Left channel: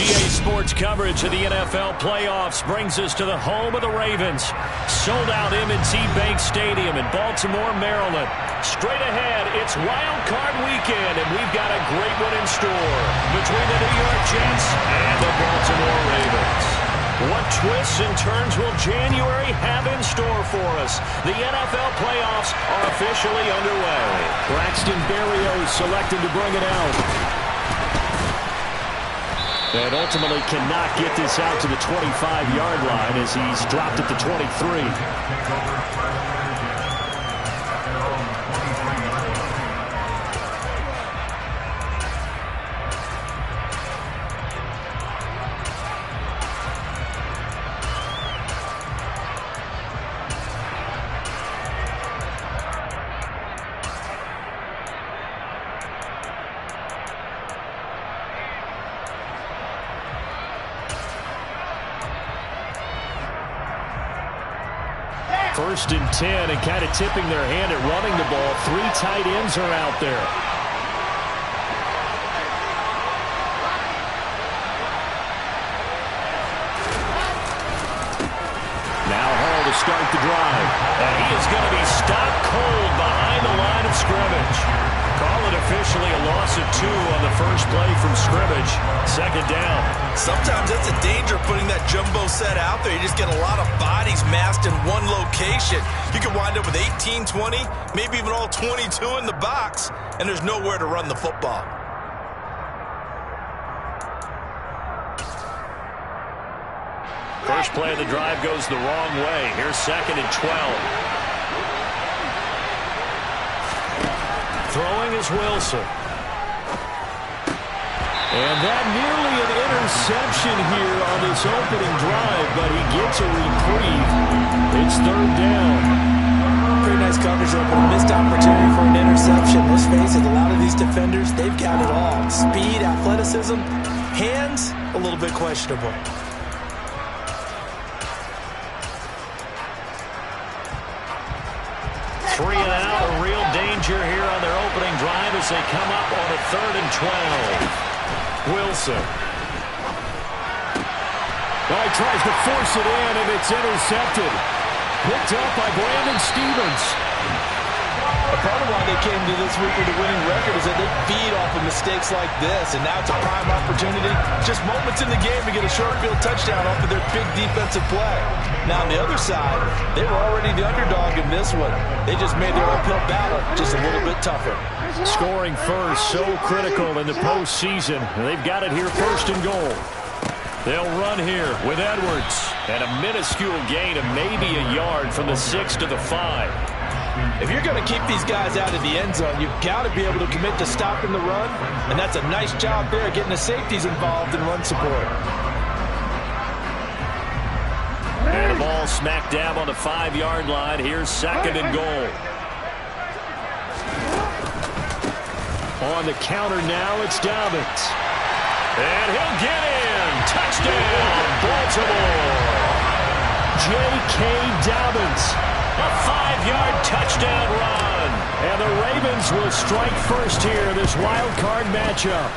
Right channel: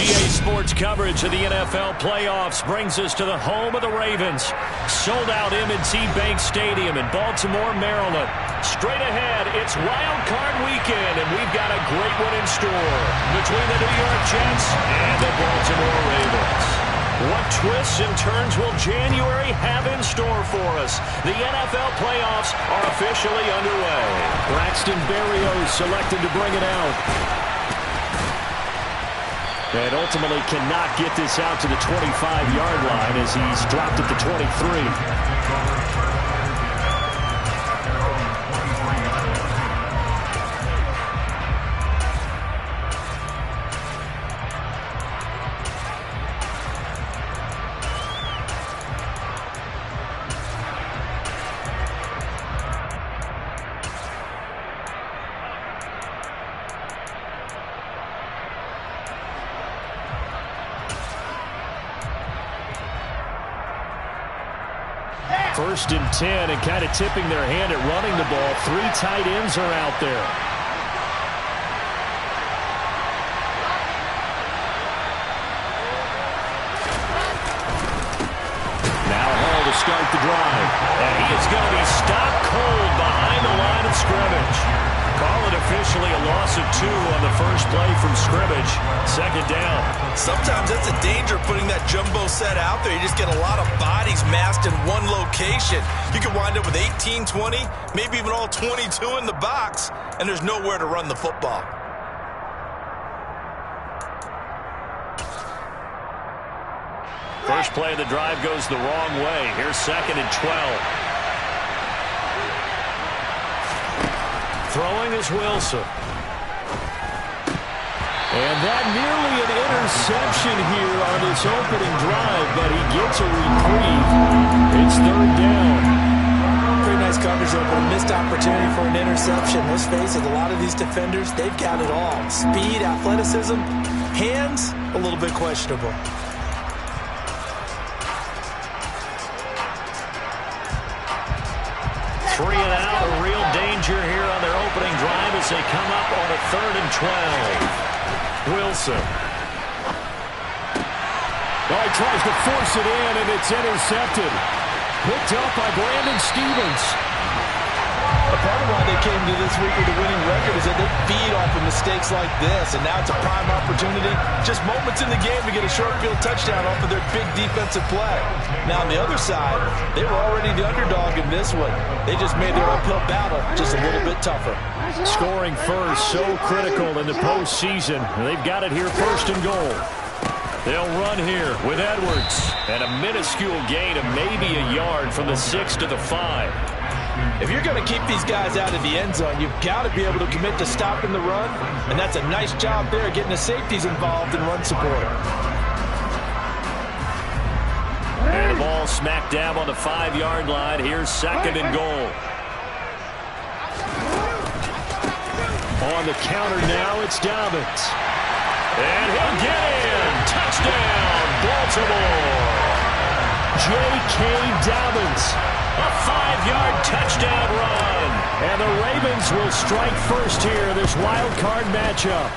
EA Sports coverage of the NFL playoffs brings us to the home of the Ravens. Sold out M&T Bank Stadium in Baltimore, Maryland. Straight ahead, it's Wildcard weekend, and we've got a great one in store between the New York Jets and the Baltimore Ravens. What twists and turns will January have in store for us? The NFL playoffs are officially underway. Braxton Berrios selected to bring it out. And ultimately cannot get this out to the 25-yard line as he's dropped at the 23. First and 10, and kind of tipping their hand at running the ball. 3 tight ends are out there. Now Hall to start the drive. And he is going to be stopped cold behind the line of scrimmage. Call it officially a loss of 2 on the first play from scrimmage. Second down. Sometimes that's a danger putting that jumbo set out there. You just get a lot of bodies massed in one location. You can wind up with 18, 20, maybe even all 22 in the box, and there's nowhere to run the football. First play of the drive goes the wrong way. Here's second and 12. Throwing is Wilson. And that nearly an interception here on this opening drive, but he gets a reprieve. It's third down. Pretty nice coverage there, but a missed opportunity for an interception. Let's face it, a lot of these defenders, they've got it all. Speed, athleticism, hands, a little bit questionable. 3 and out, a real danger here on their opening drive as they come up on a 3rd and 12. Wilson. Oh, he tries to force it in, and it's intercepted. Picked up by Brandon Stevens. A part of why they came to this week with a winning record is that they feed off of mistakes like this, and now it's a prime opportunity. Just moments in the game to get a short field touchdown off of their big defensive play. Now on the other side, they were already the underdog in this one. They just made their uphill battle just a little bit tougher. Scoring first, so critical in the postseason. They've got it here, 1st and goal. They'll run here with Edwards. And a minuscule gain of maybe a yard from the 6 to the 5. If you're going to keep these guys out of the end zone, you've got to be able to commit to stopping the run, and that's a nice job there getting the safeties involved in run support. And the ball smack dab on the 5-yard line. Here's 2nd and goal. On the counter now, it's Dobbins. And he'll get in. Touchdown, Baltimore. J.K. Dobbins. A 5-yard touchdown run. And the Ravens will strike first here, this wild card matchup.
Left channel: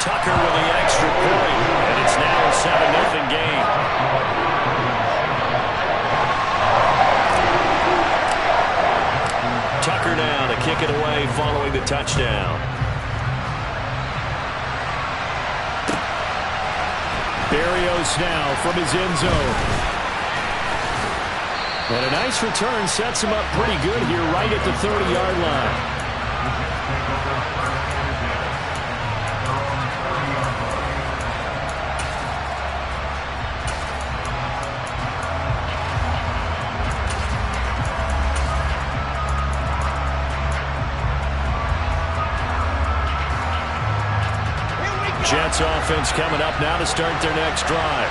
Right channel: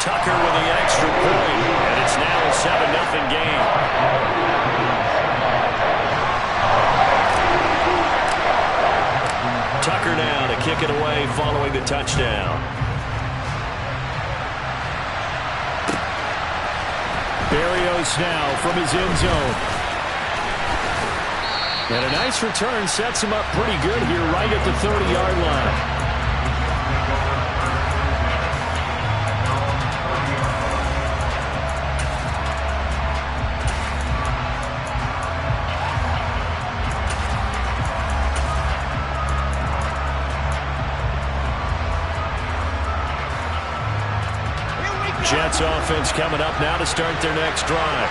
Tucker with the extra point, and it's now a 7-0 game. Tucker now to kick it away following the touchdown. Berrios now from his end zone. And a nice return sets him up pretty good here right at the 30-yard line. Jets offense coming up now to start their next drive.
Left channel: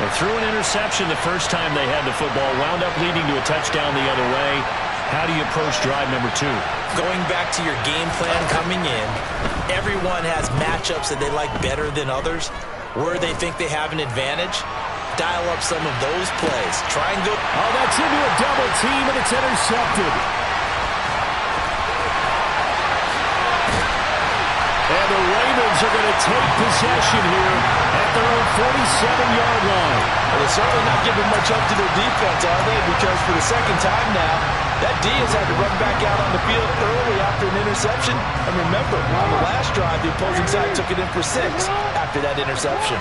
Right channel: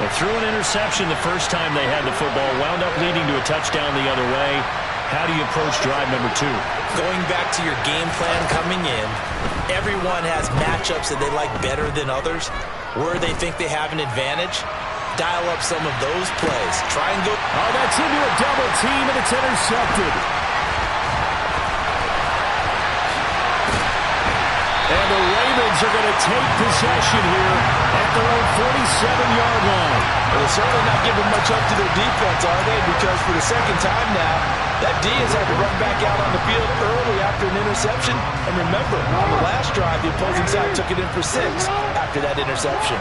They threw an interception the first time they had the football, wound up leading to a touchdown the other way. How do you approach drive number 2? Going back to your game plan coming in, everyone has matchups that they like better than others. Where they think they have an advantage, dial up some of those plays. Try and go. Oh, that's into a double team, and it's intercepted. And the Ravens Ravens are going to take possession here at their own 47-yard line. Well, they're certainly not giving much up to their defense, are they? Because for the second time now, that D has had to run back out on the field early after an interception. And remember, on the last drive, the opposing side took it in for 6 after that interception.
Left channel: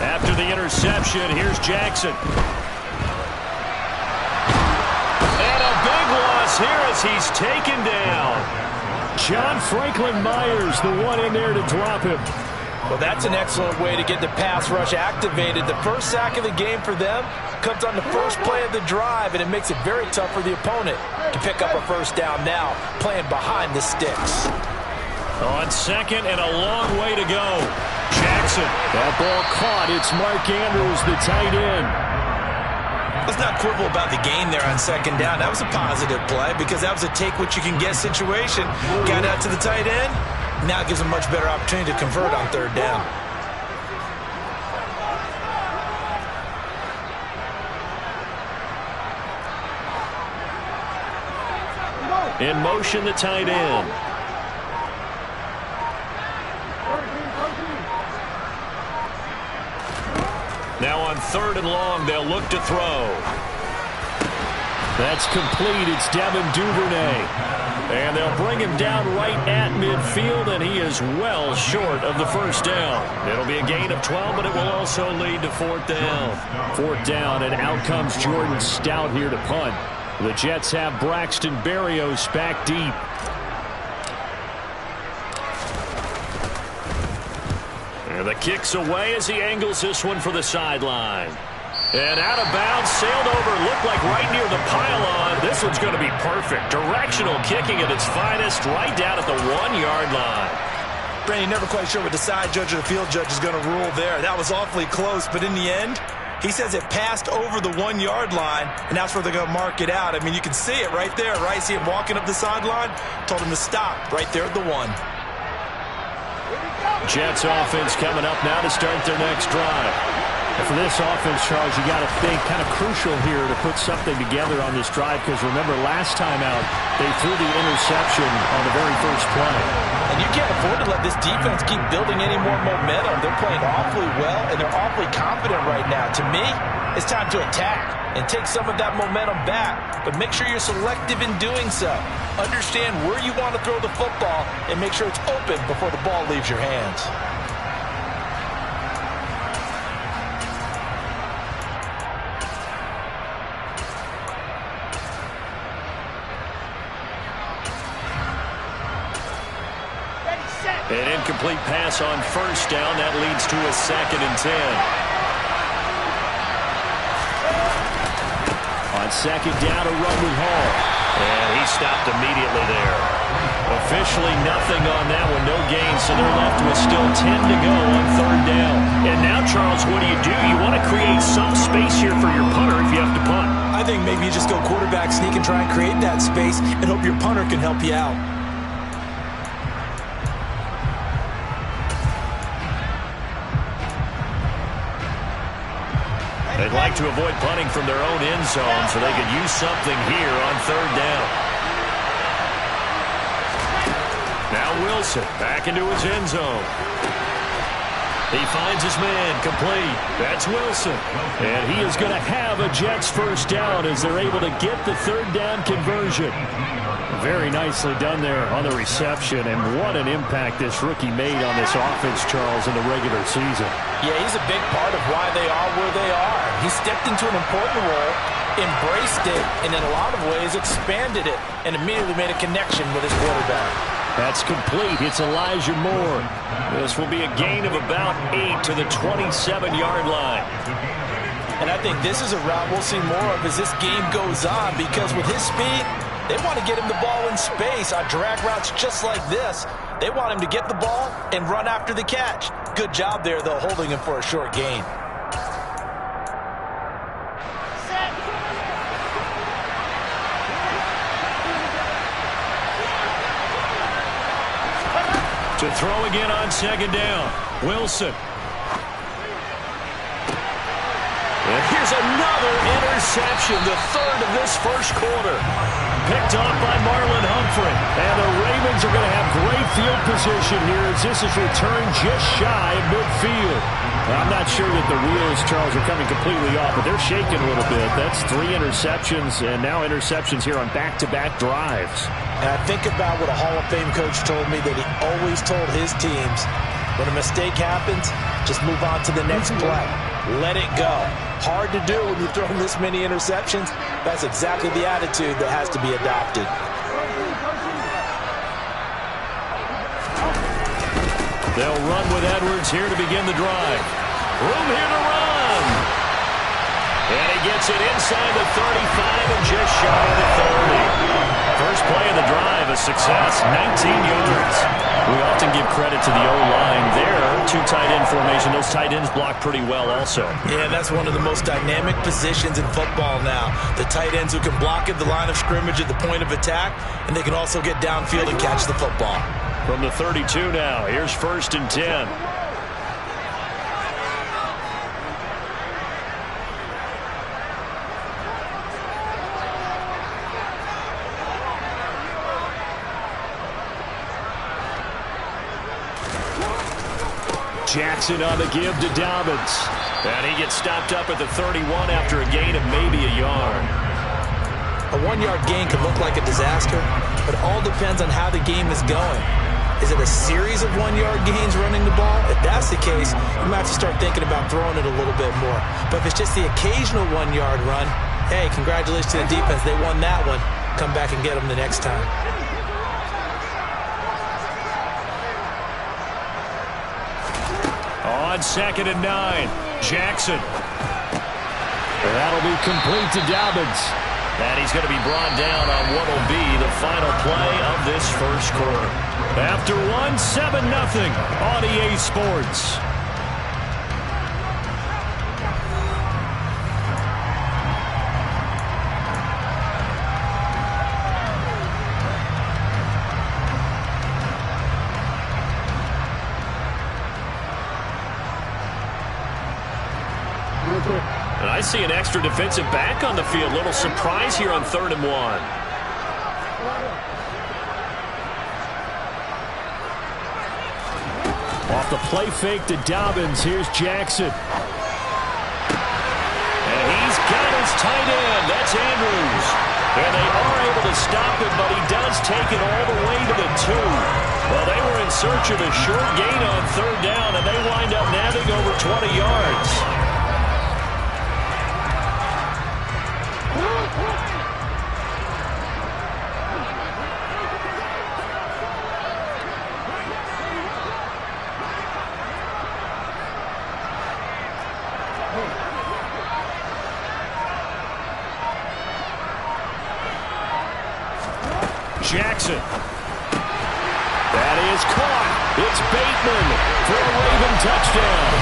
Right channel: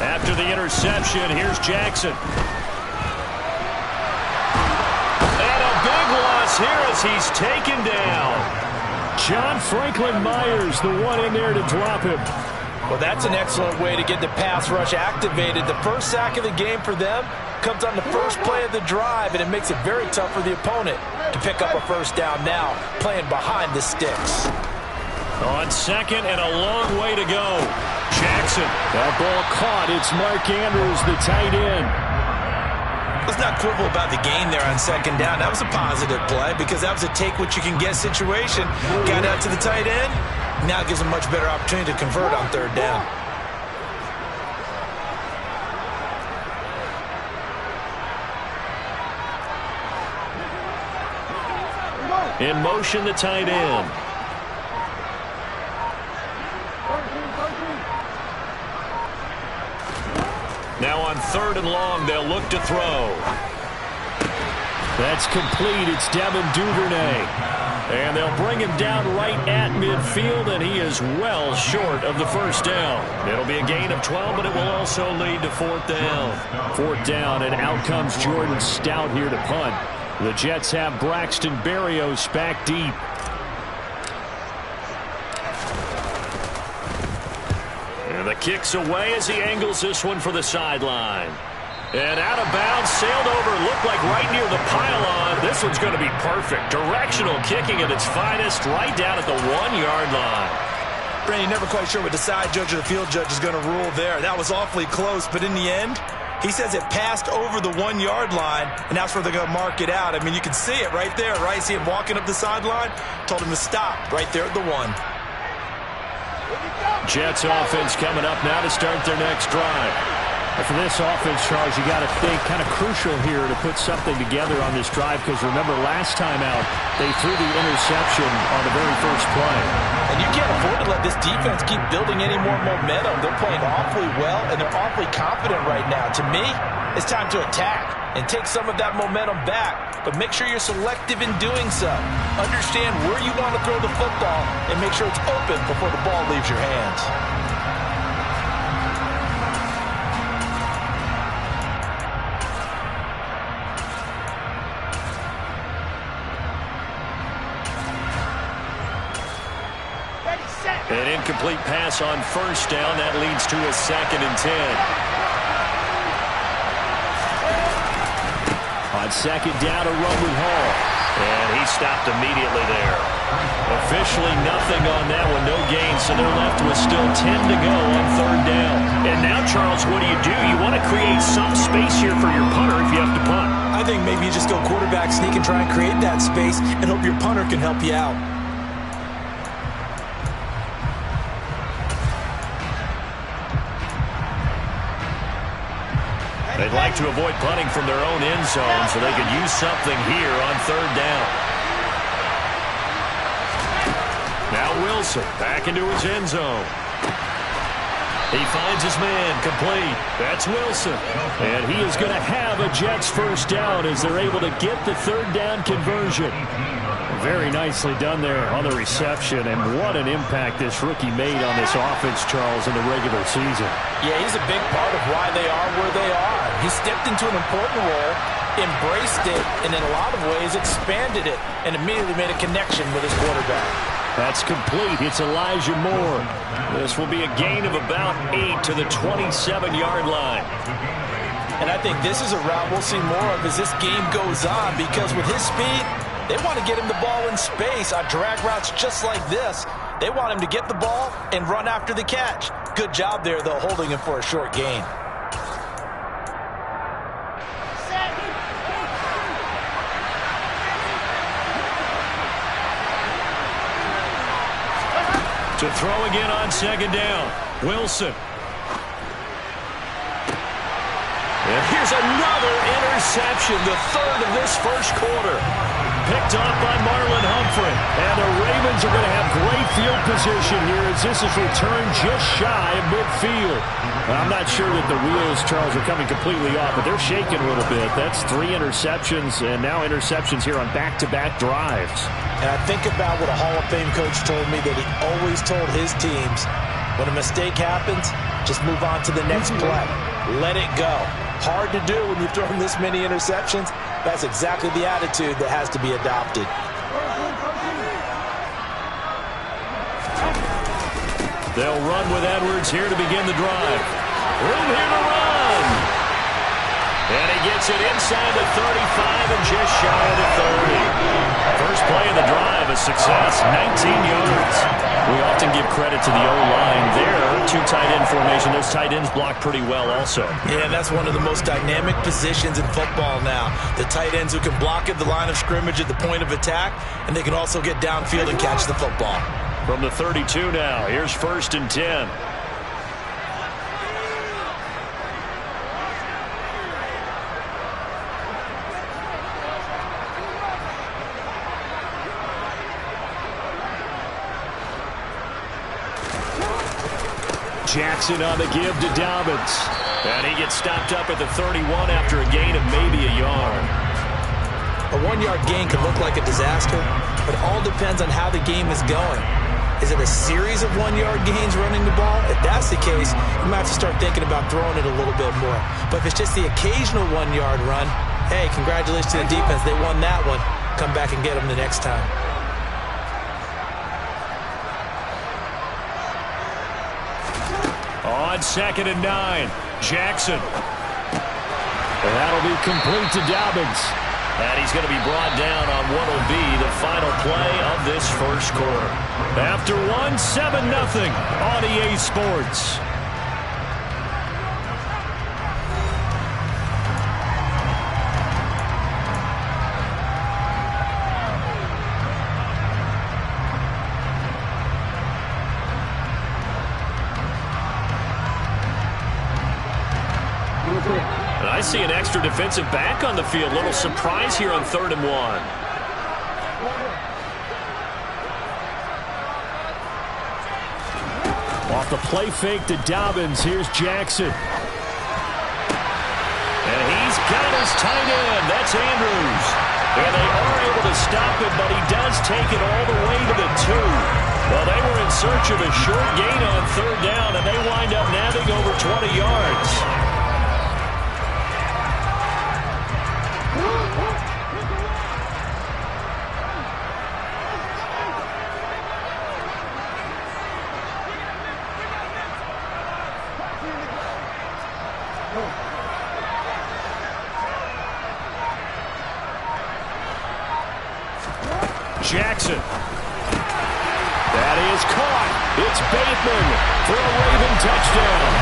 After the interception, here's Jackson. And a big loss here as he's taken down. John Franklin Myers, the one in there to drop him. Well, that's an excellent way to get the pass rush activated. The first sack of the game for them comes on the first play of the drive, and it makes it very tough for the opponent to pick up a first down now, playing behind the sticks. On second and a long way to go. Jackson. That ball caught. It's Mark Andrews, the tight end. Let's not quibble about the gain there on second down. That was a positive play because that was a take-what-you-can-get situation. Got out to the tight end. Now it gives him a much better opportunity to convert on third down. In motion, the tight end. Now on third and long, they'll look to throw. That's complete. It's Devin Duvernay. And they'll bring him down right at midfield, and he is well short of the first down. It'll be a gain of 12, but it will also lead to fourth down. Fourth down, and out comes Jordan Stout here to punt. The Jets have Braxton Berrios back deep. And the kick's away as he angles this one for the sideline. And out of bounds, sailed over, looked like right near the pylon. This one's going to be perfect. Directional kicking at its finest, right down at the 1-yard line. Brandon, never quite sure what the side judge or the field judge is going to rule there. That was awfully close, but in the end, he says it passed over the 1-yard line, and that's where they're going to mark it out. I mean, you can see it right there, right? See him walking up the sideline? Told him to stop right there at the 1. Jets offense coming up now to start their next drive. And for this offense, Charles, you got to think kind of crucial here to put something together on this drive, because remember last time out they threw the interception on the very first play. And you can't afford to let this defense keep building any more momentum. They're playing awfully well, and they're awfully confident right now. To me, it's time to attack and take some of that momentum back. But make sure you're selective in doing so. Understand where you want to throw the football and make sure it's open before the ball leaves your hands. An incomplete pass on first down. That leads to a 2nd and 10. On second down, a run with Hall. And he stopped immediately there. Officially nothing on that one. No gain, so they're left with still 10 to go on third down. And now, Charles, what do? You want to create some space here for your punter if you have to punt. I think maybe you just go quarterback sneak and try and create that space and hope your punter can help you out. They'd like to avoid punting from their own end zone so they could use something here on third down. Now Wilson back into his end zone. He finds his man, complete. That's Wilson. And he is going to have a Jets first down as they're able to get the third down conversion. Very nicely done there on the reception, and what an impact this rookie made on this offense, Charles, in the regular season. Yeah, he's a big part of why they are where they are. He stepped into an important role, embraced it, and in a lot of ways expanded it, and immediately made a connection with his quarterback. That's complete. It's Elijah Moore. This will be a gain of about 8 to the 27-yard line. And I think this is a route we'll see more of as this game goes on, because with his speed, they want to get him the ball in space on drag routes just like this. They want him to get the ball and run after the catch. Good job there, though, holding him for a short gain. To throw again on second down. Wilson. And here's another interception, the third of this first quarter. Picked off by Marlon Humphrey. And the Ravens are going to have great field position here as this is returned just shy of midfield. I'm not sure that the wheels, Charles, are coming completely off, but they're shaking a little bit. That's 3 interceptions, and now interceptions here on back-to-back drives. And I think about what a Hall of Fame coach told me that he always told his teams, when a mistake happens, just move on to the next play. Let it go. Hard to do when you've thrown this many interceptions. That's exactly the attitude that has to be adopted. They'll run with Edwards here to begin the drive. Room here to run. And he gets it inside the 35 and just shy of the 30. First play of the drive, a success, 19 yards. We often give credit to the O-line there. 2 tight end formation. Those tight ends block pretty well also. Yeah, that's one of the most dynamic positions in football now. The tight ends who can block at the line of scrimmage at the point of attack, and they can also get downfield and catch the football. From the 32 now, here's 1st and 10. Jackson on the give to Dobbins. And he gets stopped up at the 31 after a gain of maybe a yard. A 1-yard gain can look like a disaster, but it all depends on how the game is going. Is it a series of 1-yard gains running the ball? If that's the case, you might have to start thinking about throwing it a little bit more. But if it's just the occasional 1-yard run, hey, congratulations to the defense. They won that one. Come back and get them the next time. On 2nd and 9, Jackson. And that'll be complete to Dobbins. And he's going to be brought down on what will be the final play of this first quarter. After 7-0 on EA Sports. And I see an extra defensive back on the field. Little surprise here on 3rd and 1. Off the play fake to Dobbins. Here's Jackson. And he's got his tight end. That's Andrews. And they are able to stop him, but he does take it all the way to the 2. Well, they were in search of a short gain on 3rd down, and they wind up nabbing over 20 yards. Jackson. That is caught. It's Bateman for a Raven touchdown.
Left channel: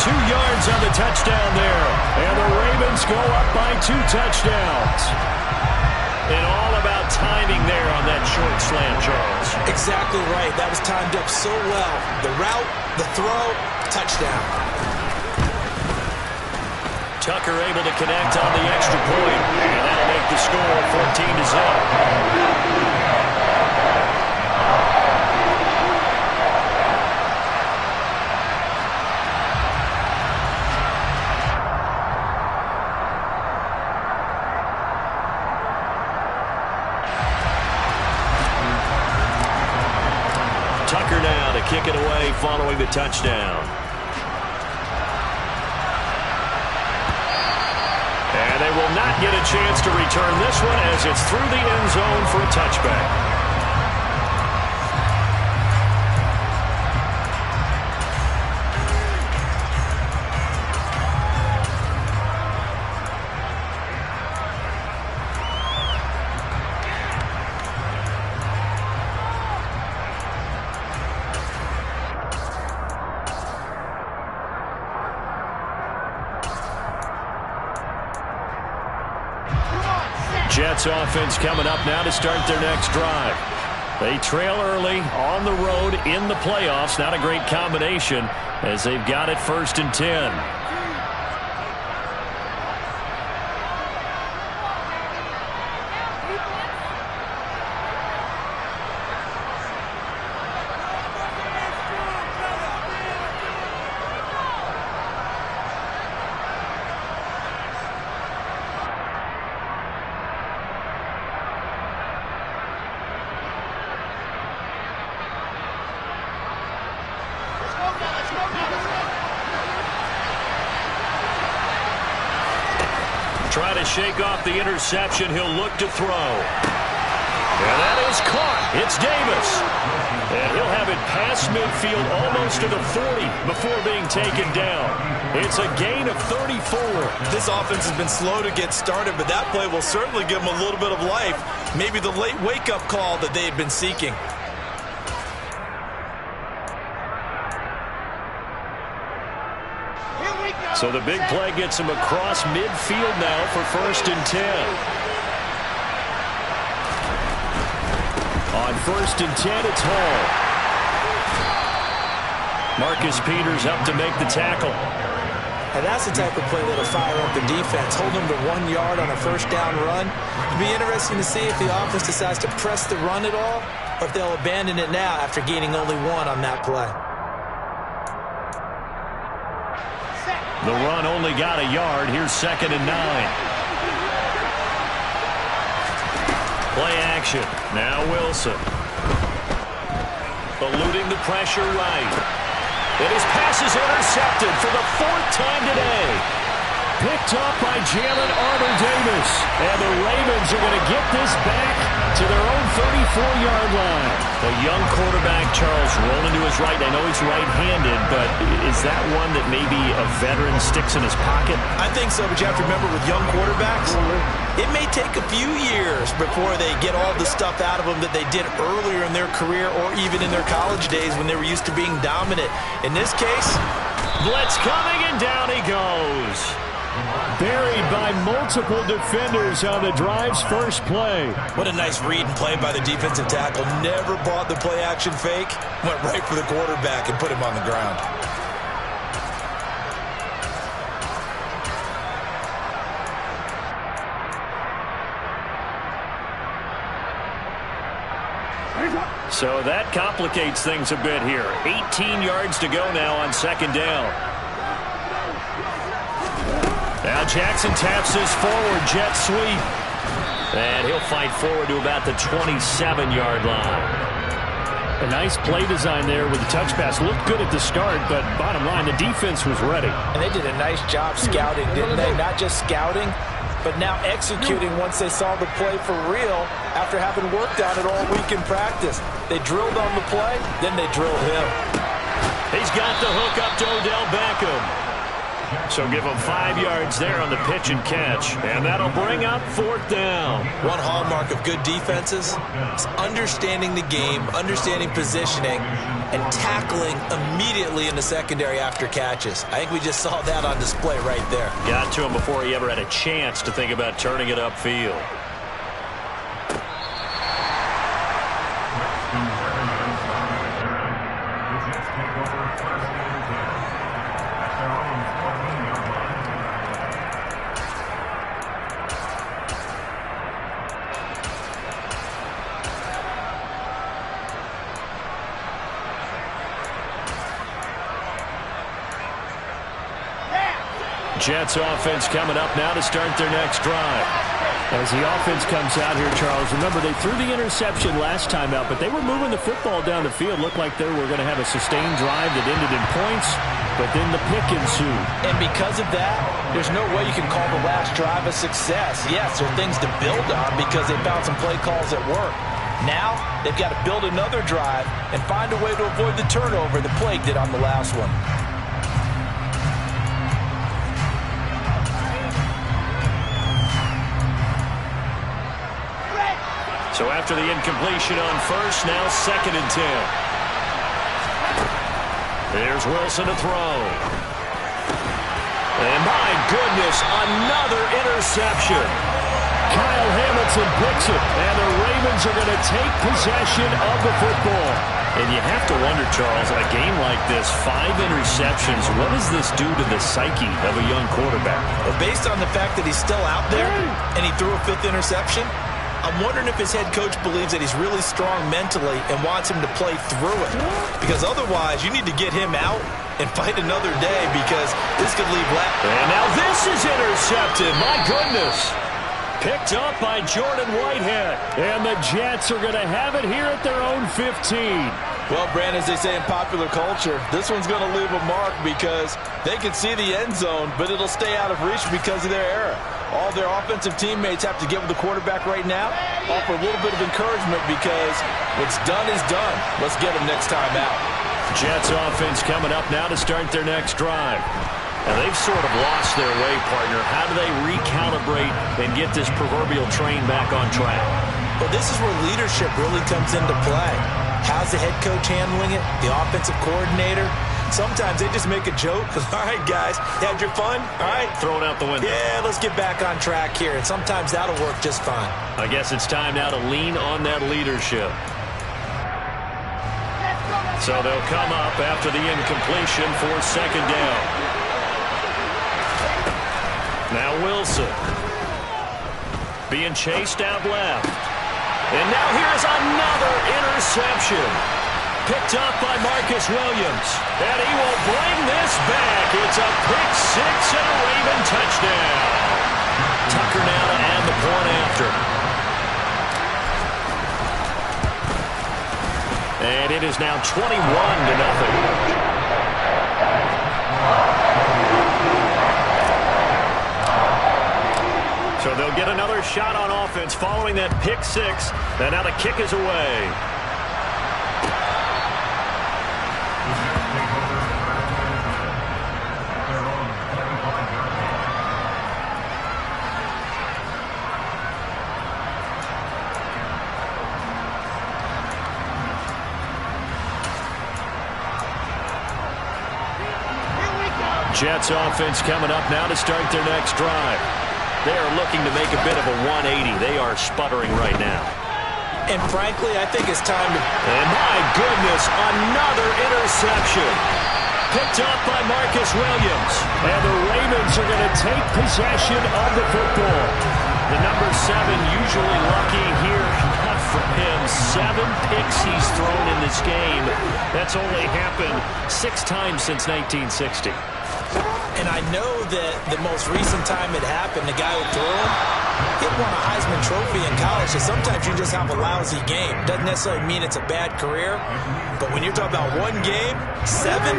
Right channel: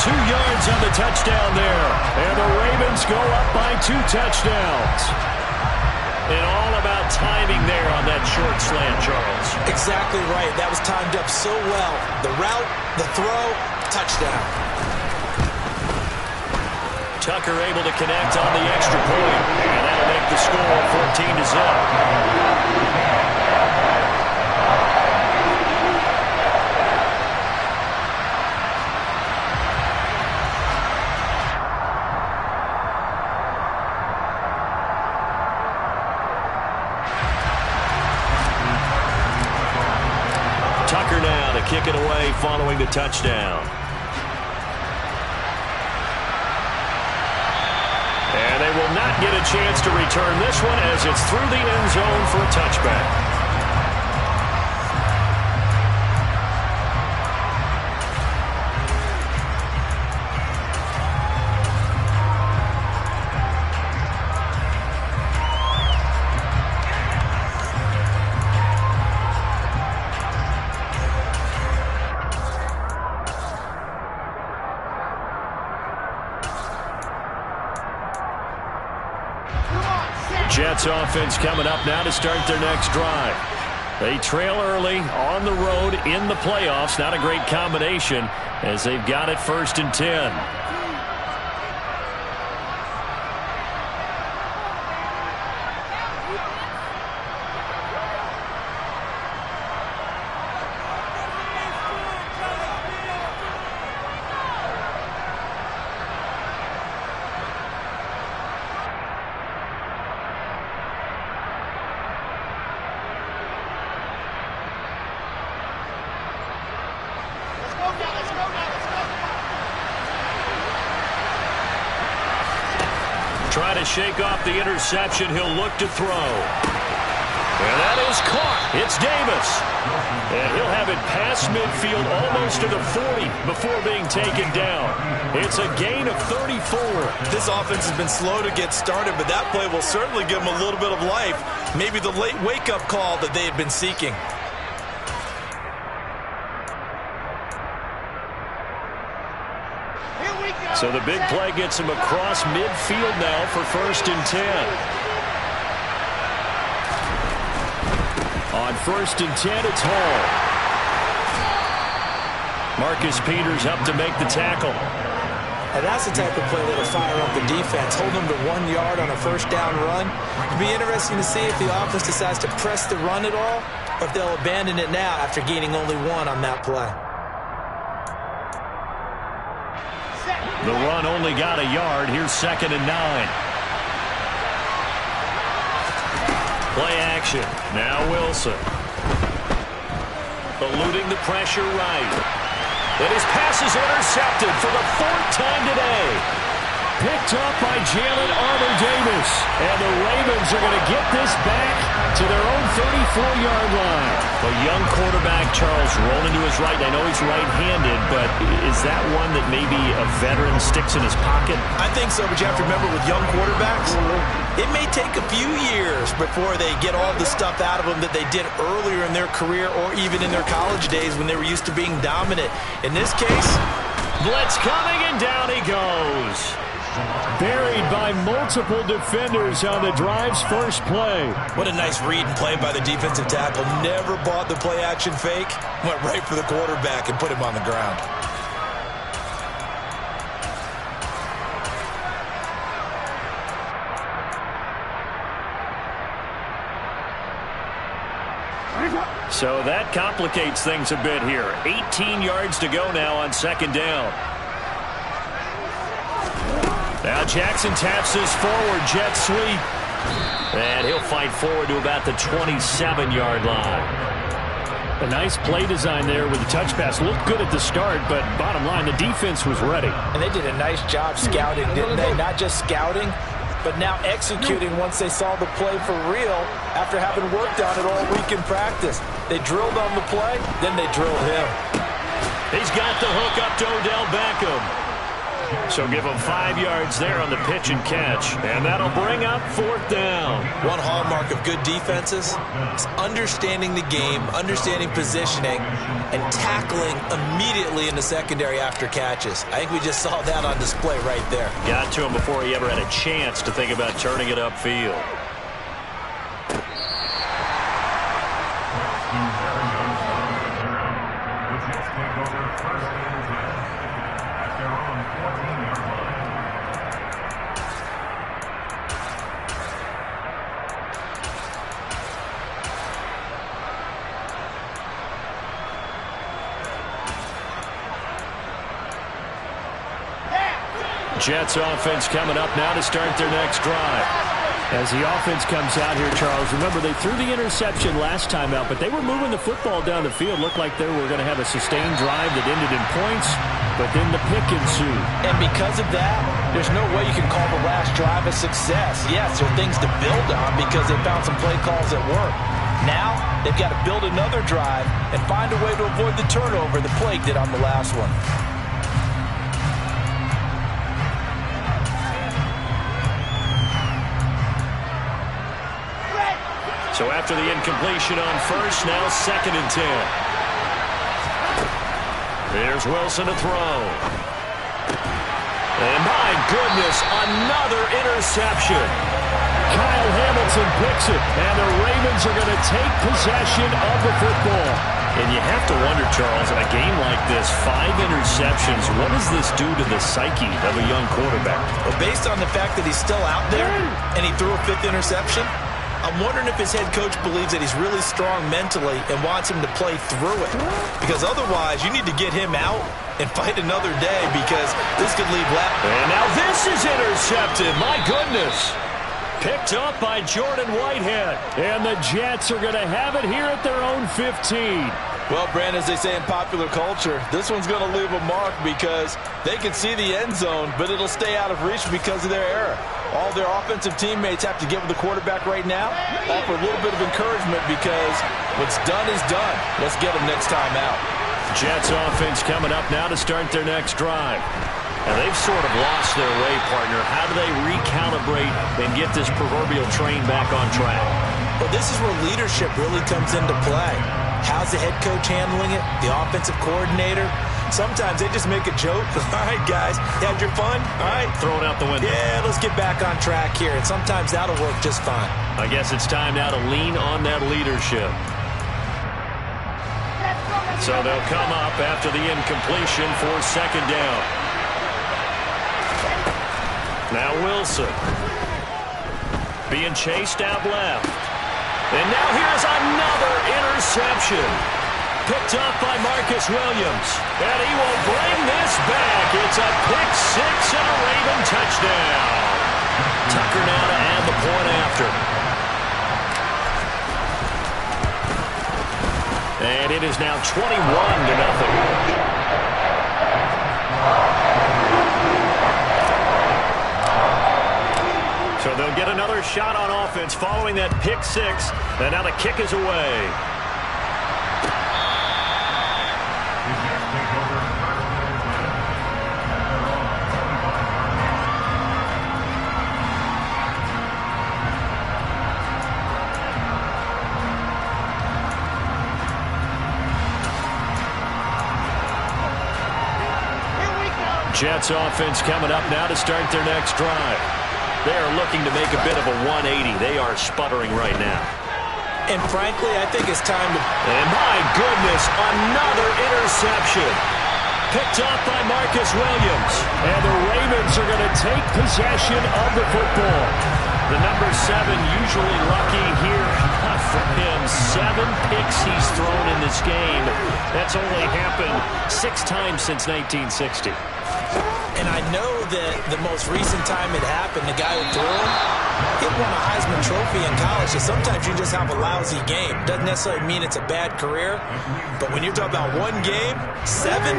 2 yards on the touchdown there. And the Ravens go up by 2 touchdowns. And all about timing there on that short slant, Charles. Exactly right. That was timed up so well. The route, the throw, touchdown. Tucker able to connect on the extra point. And that'll make the score 14-0. Tucker now to kick it away following the touchdown. And they will not get a chance to return this one as it's through the end zone for a touchback. Jets offense coming up now to start their next drive. They trail early on the road in the playoffs. Not a great combination as they've got it 1st and 10. Try to shake off the interception. He'll look to throw. And that is caught. It's Davis. And he'll have it past midfield almost to the 40 before being taken down. It's a gain of 34. This offense has been slow to get started, but that play will certainly give them a little bit of life. Maybe the late wake-up call that they had been seeking. So the big play gets him across midfield now for 1st and 10. On 1st and 10, it's Hall. Marcus Peters up to make the tackle. And that's the type of play that'll fire up the defense. Hold them to 1 yard on a 1st down run. It'll be interesting to see if the offense decides to press the run at all, or if they'll abandon it now after gaining only 1 on that play. The run only got a yard. Here's 2nd and 9. Play action. Now Wilson. Eluding the pressure right. And his pass is intercepted for the 4th time today. Picked up by Jalen Armour-Davis. And the Ravens are going to get this back to their own 34-yard line. A young quarterback, Charles, rolling to his right. I know he's right-handed, but is that one that maybe a veteran sticks in his pocket? I think so, but you have to remember with young quarterbacks, it may take a few years before they get all the stuff out of them that they did earlier in their career or even in their college days when they were used to being dominant. In this case, blitz coming, and down he goes. Buried by multiple defenders on the drive's first play. What a nice read and play by the defensive tackle. Never bought the play-action fake. Went right for the quarterback and put him on the ground. So that complicates things a bit here. 18 yards to go now on 2nd down. Now Jackson taps this forward jet sweep. And he'll fight forward to about the 27-yard line. A nice play design there with the touch pass. Looked good at the start, but bottom line, the defense was ready. And they did a nice job scouting, didn't they? Not just scouting, but now executing once they saw the play for real after having worked on it all week in practice. They drilled on the play, then they drilled him. He's got the hook up to Odell Beckham. So give him 5 yards there on the pitch and catch. And that'll bring up 4th down. One hallmark of good defenses is understanding the game, understanding positioning, and tackling immediately in the secondary after catches. I think we just saw that on display right there. Got to him before he ever had a chance to think about turning it upfield. Jets offense coming up now to start their next drive. As the offense comes out here, Charles, remember they threw the interception last time out, but they were moving the football down the field. Looked like they were going to have a sustained drive that ended in points, but then the pick ensued. And because of that, there's no way you can call the last drive a success. Yes, there are things to build on because they found some play calls that work. Now, they've got to build another drive and find a way to avoid the turnover that plagued it on the last one. So after the incompletion on 1st, now 2nd and 10. There's Wilson to throw. And my goodness, another interception. Kyle Hamilton picks it, and the Ravens are going to take possession of the football. And you have to wonder, Charles, a game like this, 5 interceptions, what does this do to the psyche of a young quarterback? Well, based on the fact that he's still out there and he threw a 5th interception, I'm wondering if his head coach believes that he's really strong mentally and wants him to play through it. Because otherwise, you need to get him out and fight another day because this could leave left. And now this is intercepted. My goodness. Picked up by Jordan Whitehead. And the Jets are going to have it here at their own 15. Well, Brandon, as they say in popular culture, this one's going to leave a mark because they can see the end zone, but it'll stay out of reach because of their error. All their offensive teammates have to get with the quarterback right now, offer a little bit of encouragement because what's done is done. Let's get them next time out. Jets offense coming up now to start their next drive. And they've sort of lost their way, partner. How do they recalibrate and get this proverbial train back on track? Well, this is where leadership really comes into play. How's the head coach handling it? The offensive coordinator? Sometimes they just make a joke. All right, guys, had your fun? All right. Throw it out the window. Yeah, let's get back on track here. And sometimes that'll work just fine. I guess it's time now to lean on that leadership. So they'll come up after the incompletion for second down. Now Wilson. Being chased out left. And now here's another interception. Picked up by Marcus Williams. And he will bring this back. It's a pick six and a Raven touchdown. Tucker now to add the point after. And it is now 21-0. So they'll get another shot on offense following that pick six. And now the kick is away. Jets offense coming up now to start their next drive. They are looking to make a bit of a 180. They are sputtering right now. And frankly, I think it's time to... And my goodness, another interception. Picked up by Marcus Williams. And the Ravens are going to take possession of the football. The number 7 usually lucky here. Not for him. 7 picks he's thrown in this game. That's only happened 6 times since 1960. And I know that the most recent time it happened, the guy who threw him, he won a Heisman Trophy in college. So sometimes you just have a lousy game. Doesn't necessarily mean it's a bad career. But when you're talking about one game, 7,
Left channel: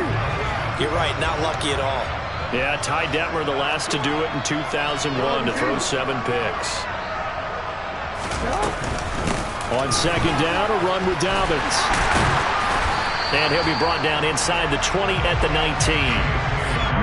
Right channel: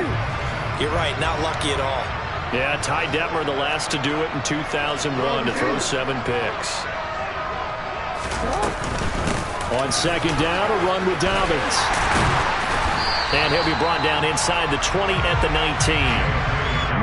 you're right, not lucky at all. Yeah, Ty Detmer, the last to do it in 2001, to throw 7 picks. On second down, a run with Dobbins. And he'll be brought down inside the 20 at the 19.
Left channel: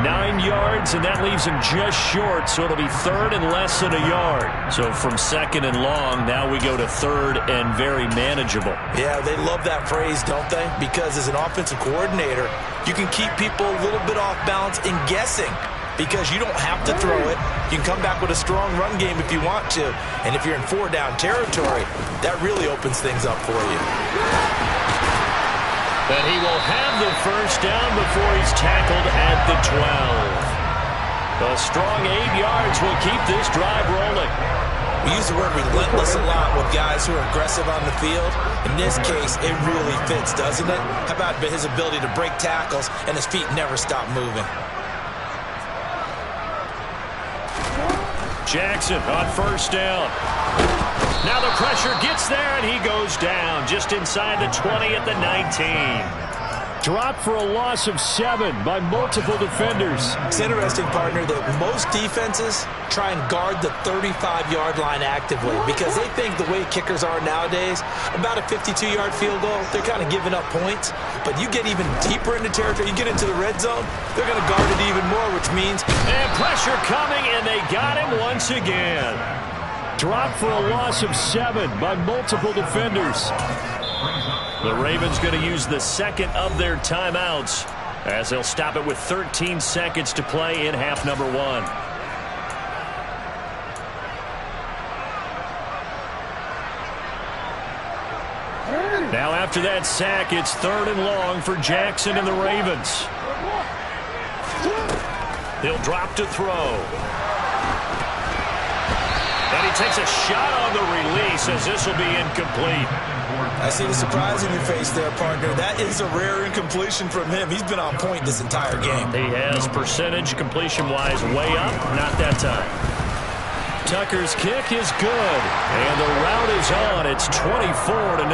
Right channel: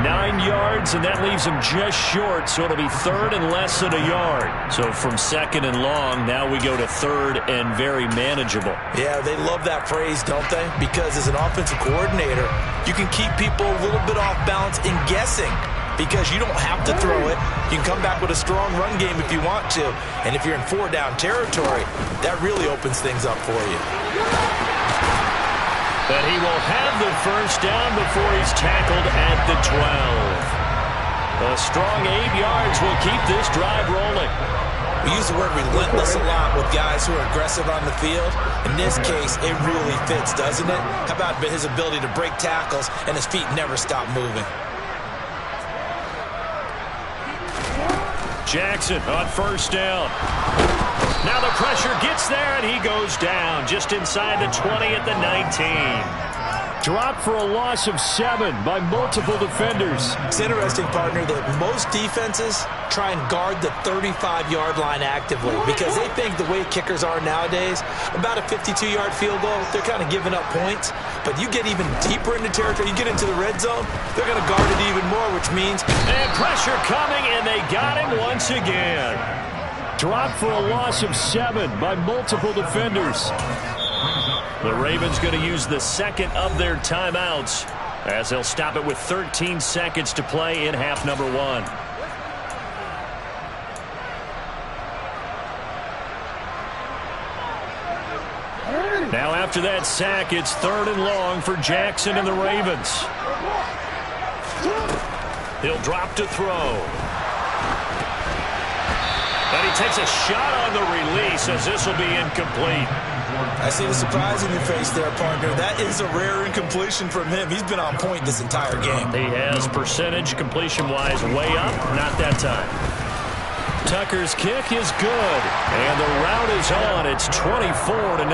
9 yards, and that leaves him just short, so it'll be third and less than a yard. So from second and long, now we go to third and very manageable. Yeah, they love that phrase, don't they? Because as an offensive coordinator, you can keep people a little bit off balance in guessing because you don't have to throw it. You can come back with a strong run game if you want to. And if you're in 4-down territory, that really opens things up for you. But he will have the first down before he's tackled at the 12. A strong 8 yards will keep this drive rolling. We use the word relentless a lot with guys who are aggressive on the field. In this case, it really fits, doesn't it? How about his ability to break tackles and his feet never stop moving? Jackson on first down. Now the pressure gets there, and he goes down just inside the 20 at the 19. Dropped for a loss of 7 by multiple defenders. It's interesting, partner, that most defenses try and guard the 35-yard line actively because they think the way kickers are nowadays, about a 52-yard field goal, they're kind of giving up points. But you get even deeper into territory, you get into the red zone, they're going to guard it even more, which means... And pressure coming, and they got him once again. Dropped for a loss of 7 by multiple defenders. The Ravens going to use the second of their timeouts as they'll stop it with 13 seconds to play in half number 1. Now after that sack, it's 3rd and long for Jackson and the Ravens. He'll drop to throw. And he takes a shot on the release as this will be incomplete. I see the surprise in your face there, partner. That is a rare incompletion from him. He's been on point this entire game. He has percentage completion-wise way up. Not that time. Tucker's kick is good. And the rout is on. It's 24-0.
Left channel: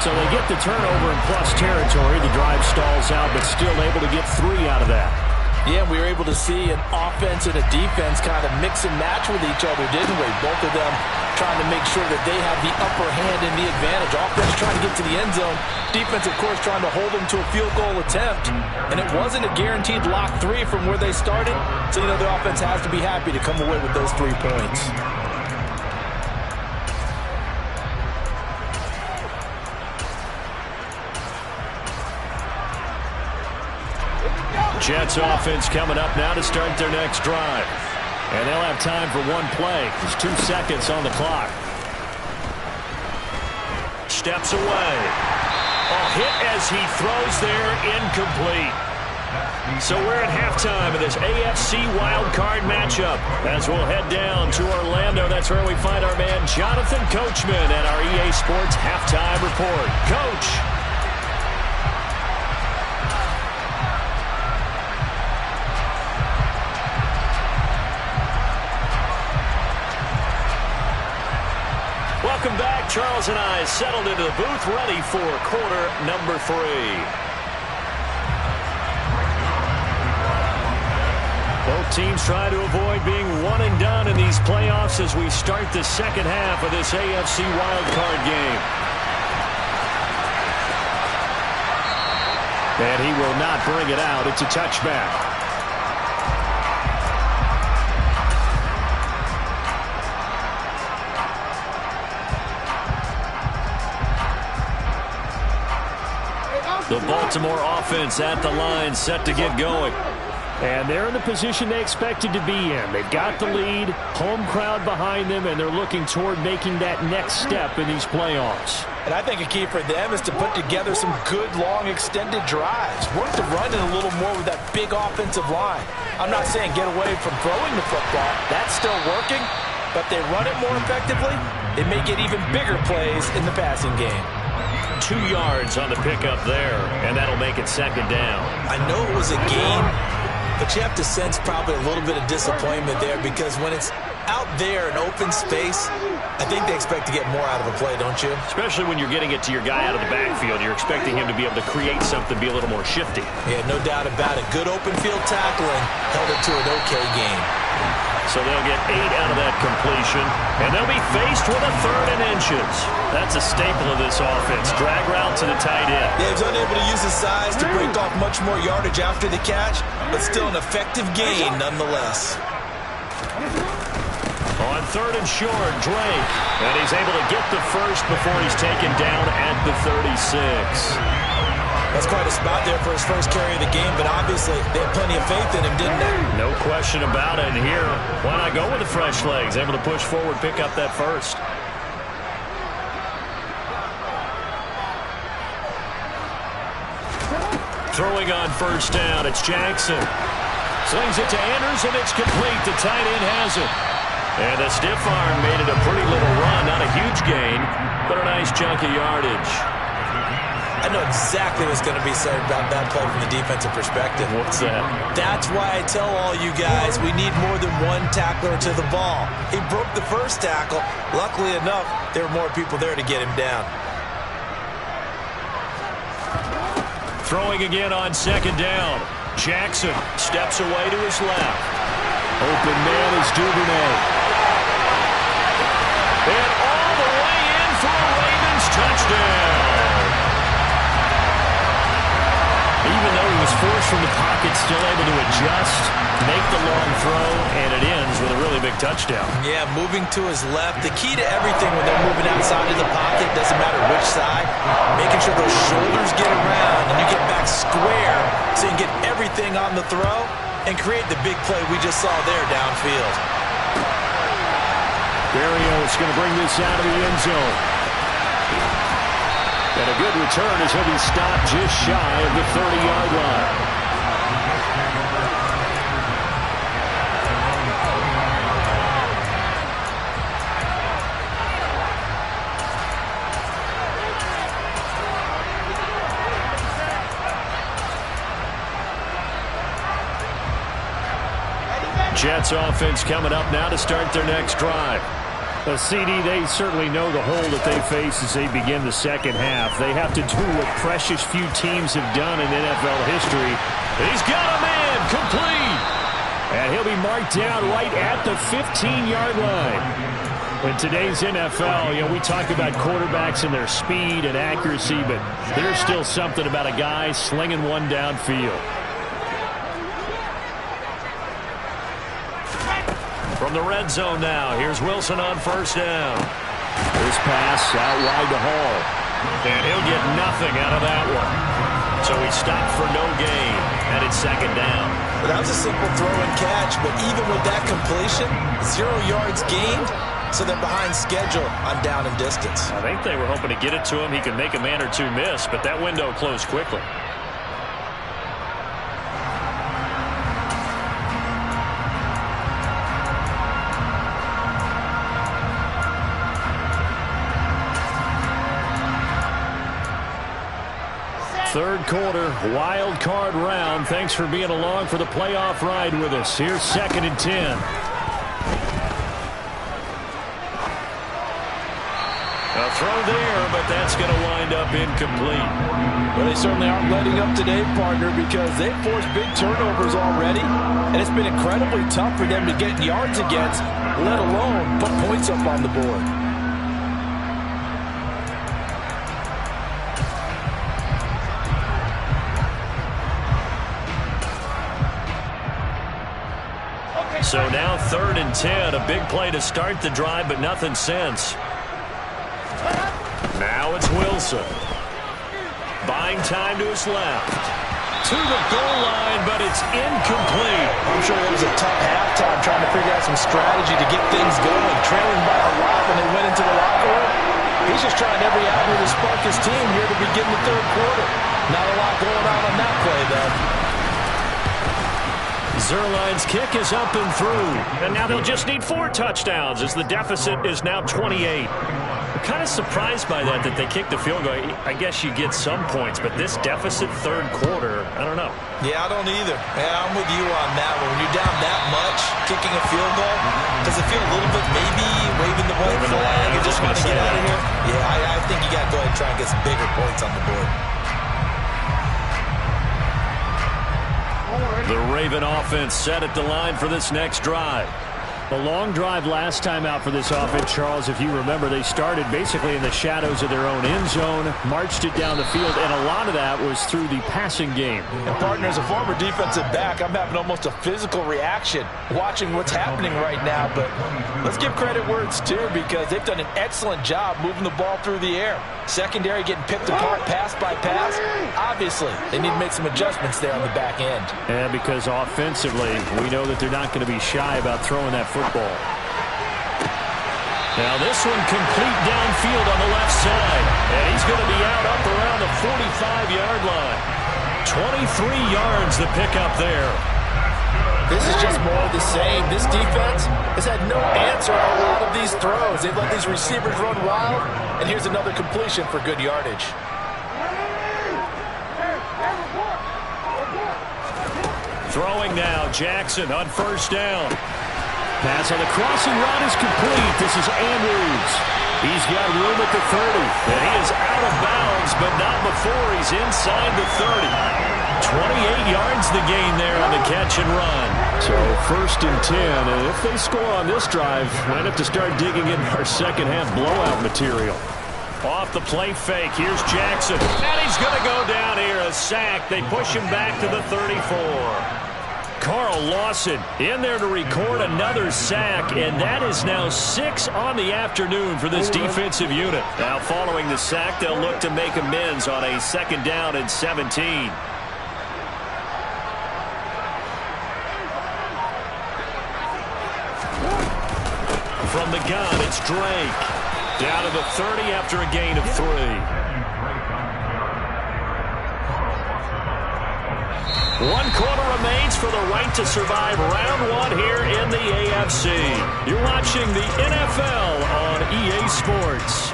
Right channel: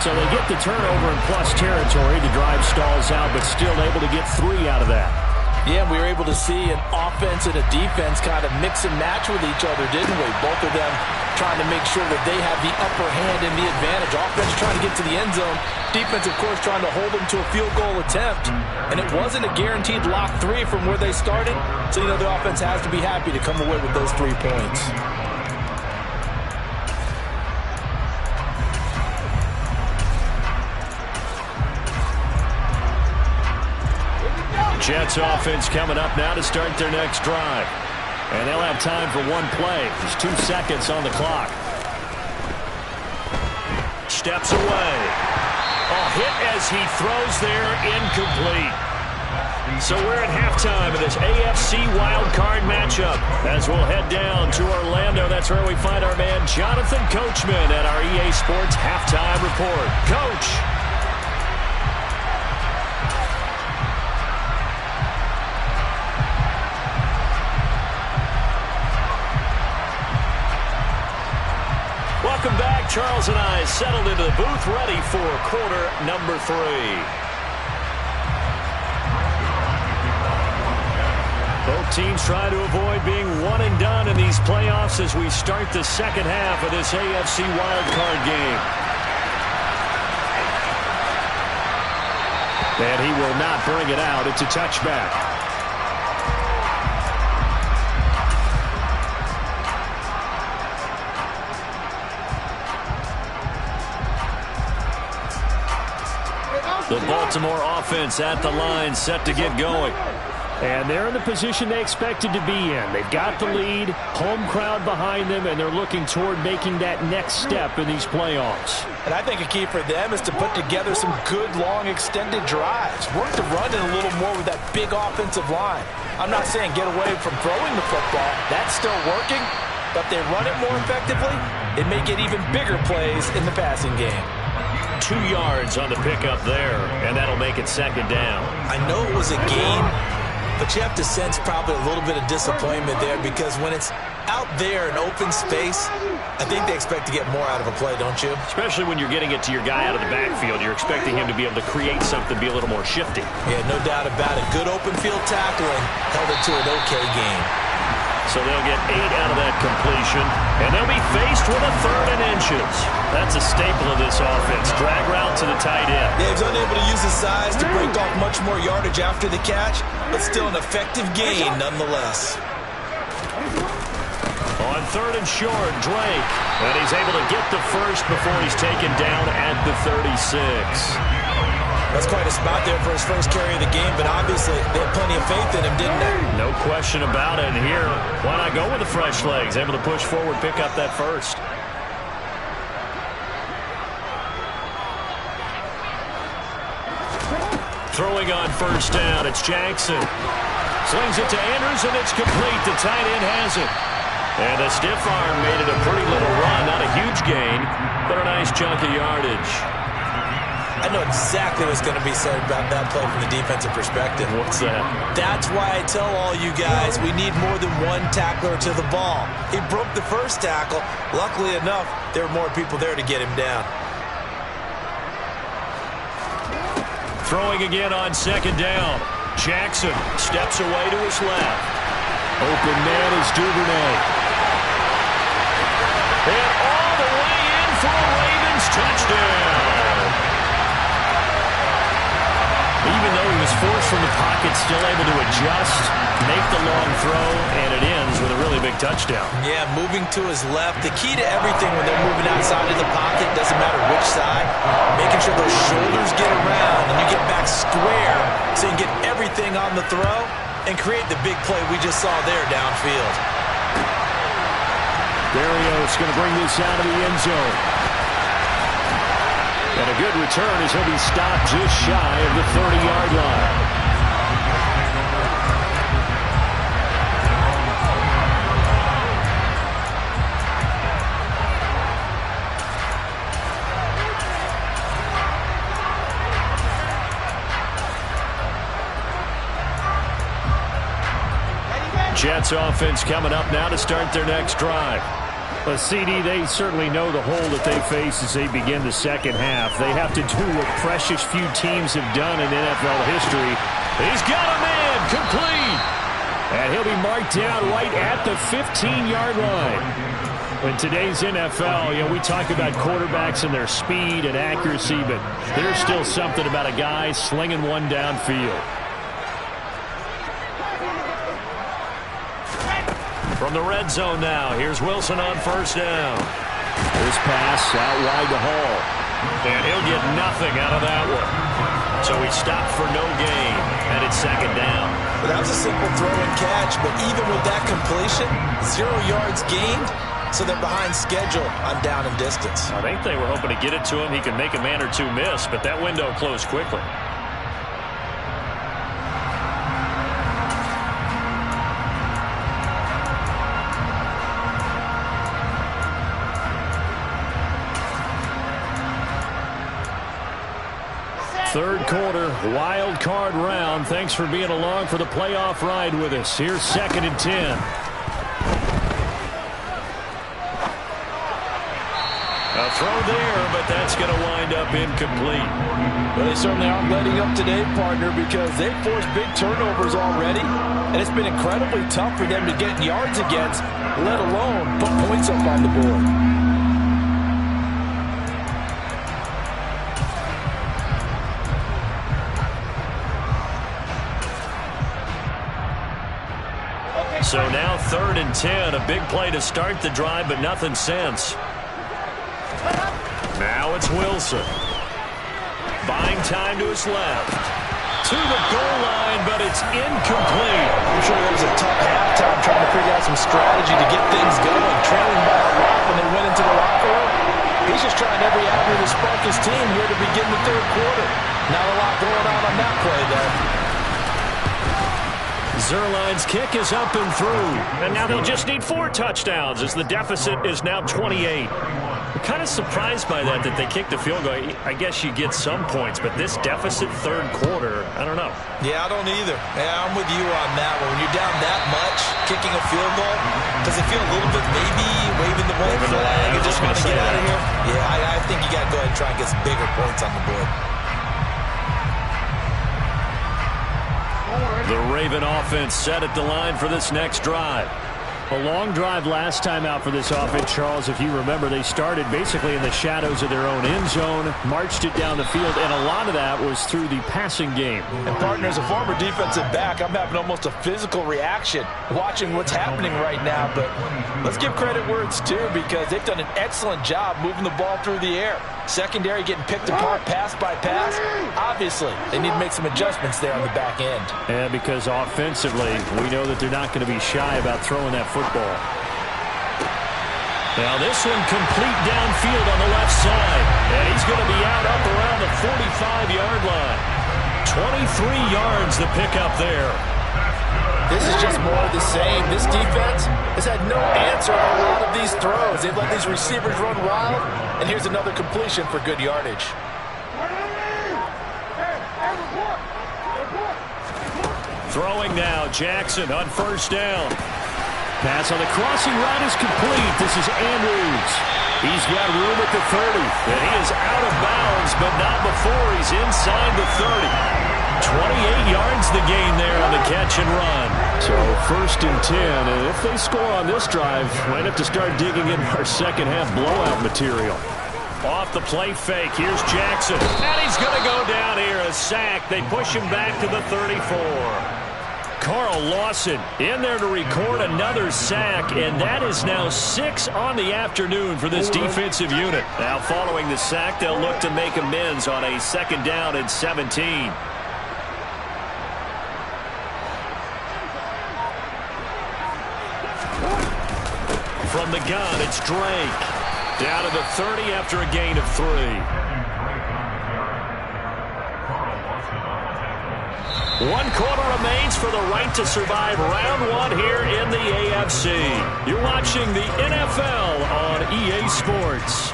So they get the turnover in plus territory. The drive stalls out, but still able to get 3 out of that. Yeah, we were able to see an offense and a defense kind of mix and match with each other, didn't we? Both of them trying to make sure that they have the upper hand and the advantage. Offense trying to get to the end zone. Defense, of course, trying to hold them to a field goal attempt. And it wasn't a guaranteed lock 3 from where they started. So, the offense has to be happy to come away with those 3 points. Jets offense coming up now to start their next drive. And they'll have time for 1 play. There's 2 seconds on the clock. Steps away. Hit as he throws there, incomplete. So we're at halftime of this AFC Wildcard matchup. As we'll head down to Orlando, that's where we find our man Jonathan Coachman at our EA Sports Halftime Report. Coach. Welcome back. Charles and I settled into the booth, ready for quarter number 3. Both teams try to avoid being one and done in these playoffs as we start the second half of this AFC wildcard game. And he will not bring it out. It's a touchback. The Baltimore offense at the line, set to get going. And they're in the position they expected to be in. They've got the lead, home crowd behind them, and they're looking toward making that next step in these playoffs. And I think a key for them is to put together some good, long, extended drives. Work the run in a little more with that big offensive line. I'm not saying get away from throwing the football. That's still working. But if they run it more effectively, they may get even bigger plays in the passing game. 2 yards on the pickup there, and that'll make it second down. I know it was a gain, but you have to sense probably a little bit of disappointment there because when it's out there in open space, I think they expect to get more out of a play, don't you? Especially when you're getting it to your guy out of the backfield. You're expecting him to be able to create something, be a little more shifty. Yeah, no doubt about it. Good open field tackling held it to an okay game. So they'll get 8 out of that completion, and they'll be faced with a 3rd and inches. That's a staple of this offense. Drag route to the tight end. Yeah, he's unable to use his size to break off much more yardage after the catch, but still an effective gain nonetheless. On 3rd and short, Drake. And he's able to get the first before he's taken down at the 36. That's quite a spot there for his first carry of the game, but obviously they had plenty of faith in him, didn't they? No question about it. And here, why not go with the fresh legs? Able to push forward, pick up that first. Throwing on first down, it's Jackson. Slings it to Andrews, and it's complete. The tight end has it. And the stiff arm made it a pretty little run. Not a huge gain, but a nice chunk of yardage. I know exactly what's going to be said about that play from the defensive perspective. What's that? That's why I tell all you guys we need more than one tackler to the ball. He broke the first tackle. Luckily enough, there were more people there to get him down. Throwing again on second down. Jackson steps away to his left. Open man is Duvernay. And all the way in for a Ravens touchdown. Even though he was forced from the pocket, still able to adjust, make the long throw, and it ends with a really big touchdown. Yeah, moving to his left. The key to everything when they're moving outside of the pocket, doesn't matter which side, making sure those shoulders get around and you get back square so you can get everything on the throw and create the big play we just saw there downfield. Berrios going to bring this out of the end zone. And a good return as he'll be stopped just shy of the 30-yard line. Jets offense coming up now to start their next drive. CD, they certainly know the hole that they face as they begin the second half. They have to do what precious few teams have done in NFL history. He's got a man complete. And he'll be marked down right at the 15-yard line. In today's NFL, we talk about quarterbacks and their speed and accuracy, but there's still something about a guy slinging one downfield. From the red zone now, here's Wilson on first down. This pass out wide to Hall. And he'll get nothing out of that one. So he stopped for no gain, and it's second down. Well, that was a simple throw and catch, but even with that completion, 0 yards gained, so they're behind schedule on down and distance. I think they were hoping to get it to him. He could make a man or two miss, but that window closed quickly. Third quarter, wild card round. Thanks for being along for the playoff ride with us. Here's 2nd and 10. A throw there, but that's going to wind up incomplete. Well, they certainly aren't letting up today, partner, because they've forced big turnovers already, and it's been incredibly tough for them to get yards against, let alone put points up on the board. So now 3rd and 10, a big play to start the drive, but nothing since. Now it's Wilson. Buying time to his left. To the goal line, but it's incomplete. I'm sure it was a tough halftime trying to figure out some strategy to get things going, trailing by a lot when they went into the locker room. He's just trying every avenue to spark his team here to begin the third quarter. Not a lot going on that play, though. Zerline's kick is up and through. And now they'll just need 4 touchdowns as the deficit is now 28. I'm kind of surprised by that they kicked the field goal. I guess you get some points, but this deficit third quarter, I don't know. Yeah, I don't either. Yeah, I'm with you on that one. When you're down that much, kicking a field goal, does it feel a little bit maybe waving the white flag and just want to get out of here? Yeah, I think you got to go ahead and try and get some bigger points on the board. The Raven offense set at the line for this next drive. A long drive last time out for this offense, Charles. If you remember, they started basically in the shadows of their own end zone, marched it down the field, and a lot of that was through the passing game. And partner, as a former defensive back, I'm having almost a physical reaction watching what's happening right now. But let's give credit where it's due, because they've done an excellent job moving the ball through the air. Secondary getting picked apart pass by pass. Obviously, they need to make some adjustments there on the back end. Yeah, because offensively, we know that they're not going to be shy about throwing that football. Now this one complete downfield on the left side. And he's going to be out up around the 45-yard line. 23 yards the pickup there. This is just more of the same. This defense has had no answer on a lot of these throws. They've let these receivers run wild, and here's another completion for good yardage. Throwing now, Jackson on first down. Pass on the crossing route is complete. This is Andrews. He's got room at the 30, and he is out of bounds, but not before he's inside the 30. 28 yards the gain there on the catch and run. So 1st and 10, and if they score on this drive, might have to start digging in our second half blowout material. Off the play fake, here's Jackson. And he's going to go down here, a sack. They push him back to the 34. Carl Lawson in there to record another sack, and that is now 6 on the afternoon for this defensive unit. Now following the sack, they'll look to make amends on a 2nd down and 17. From the gun, it's Drake. Down to the 30 after a gain of 3. One quarter remains for the right to survive round 1 here in the AFC. You're watching the NFL on EA Sports.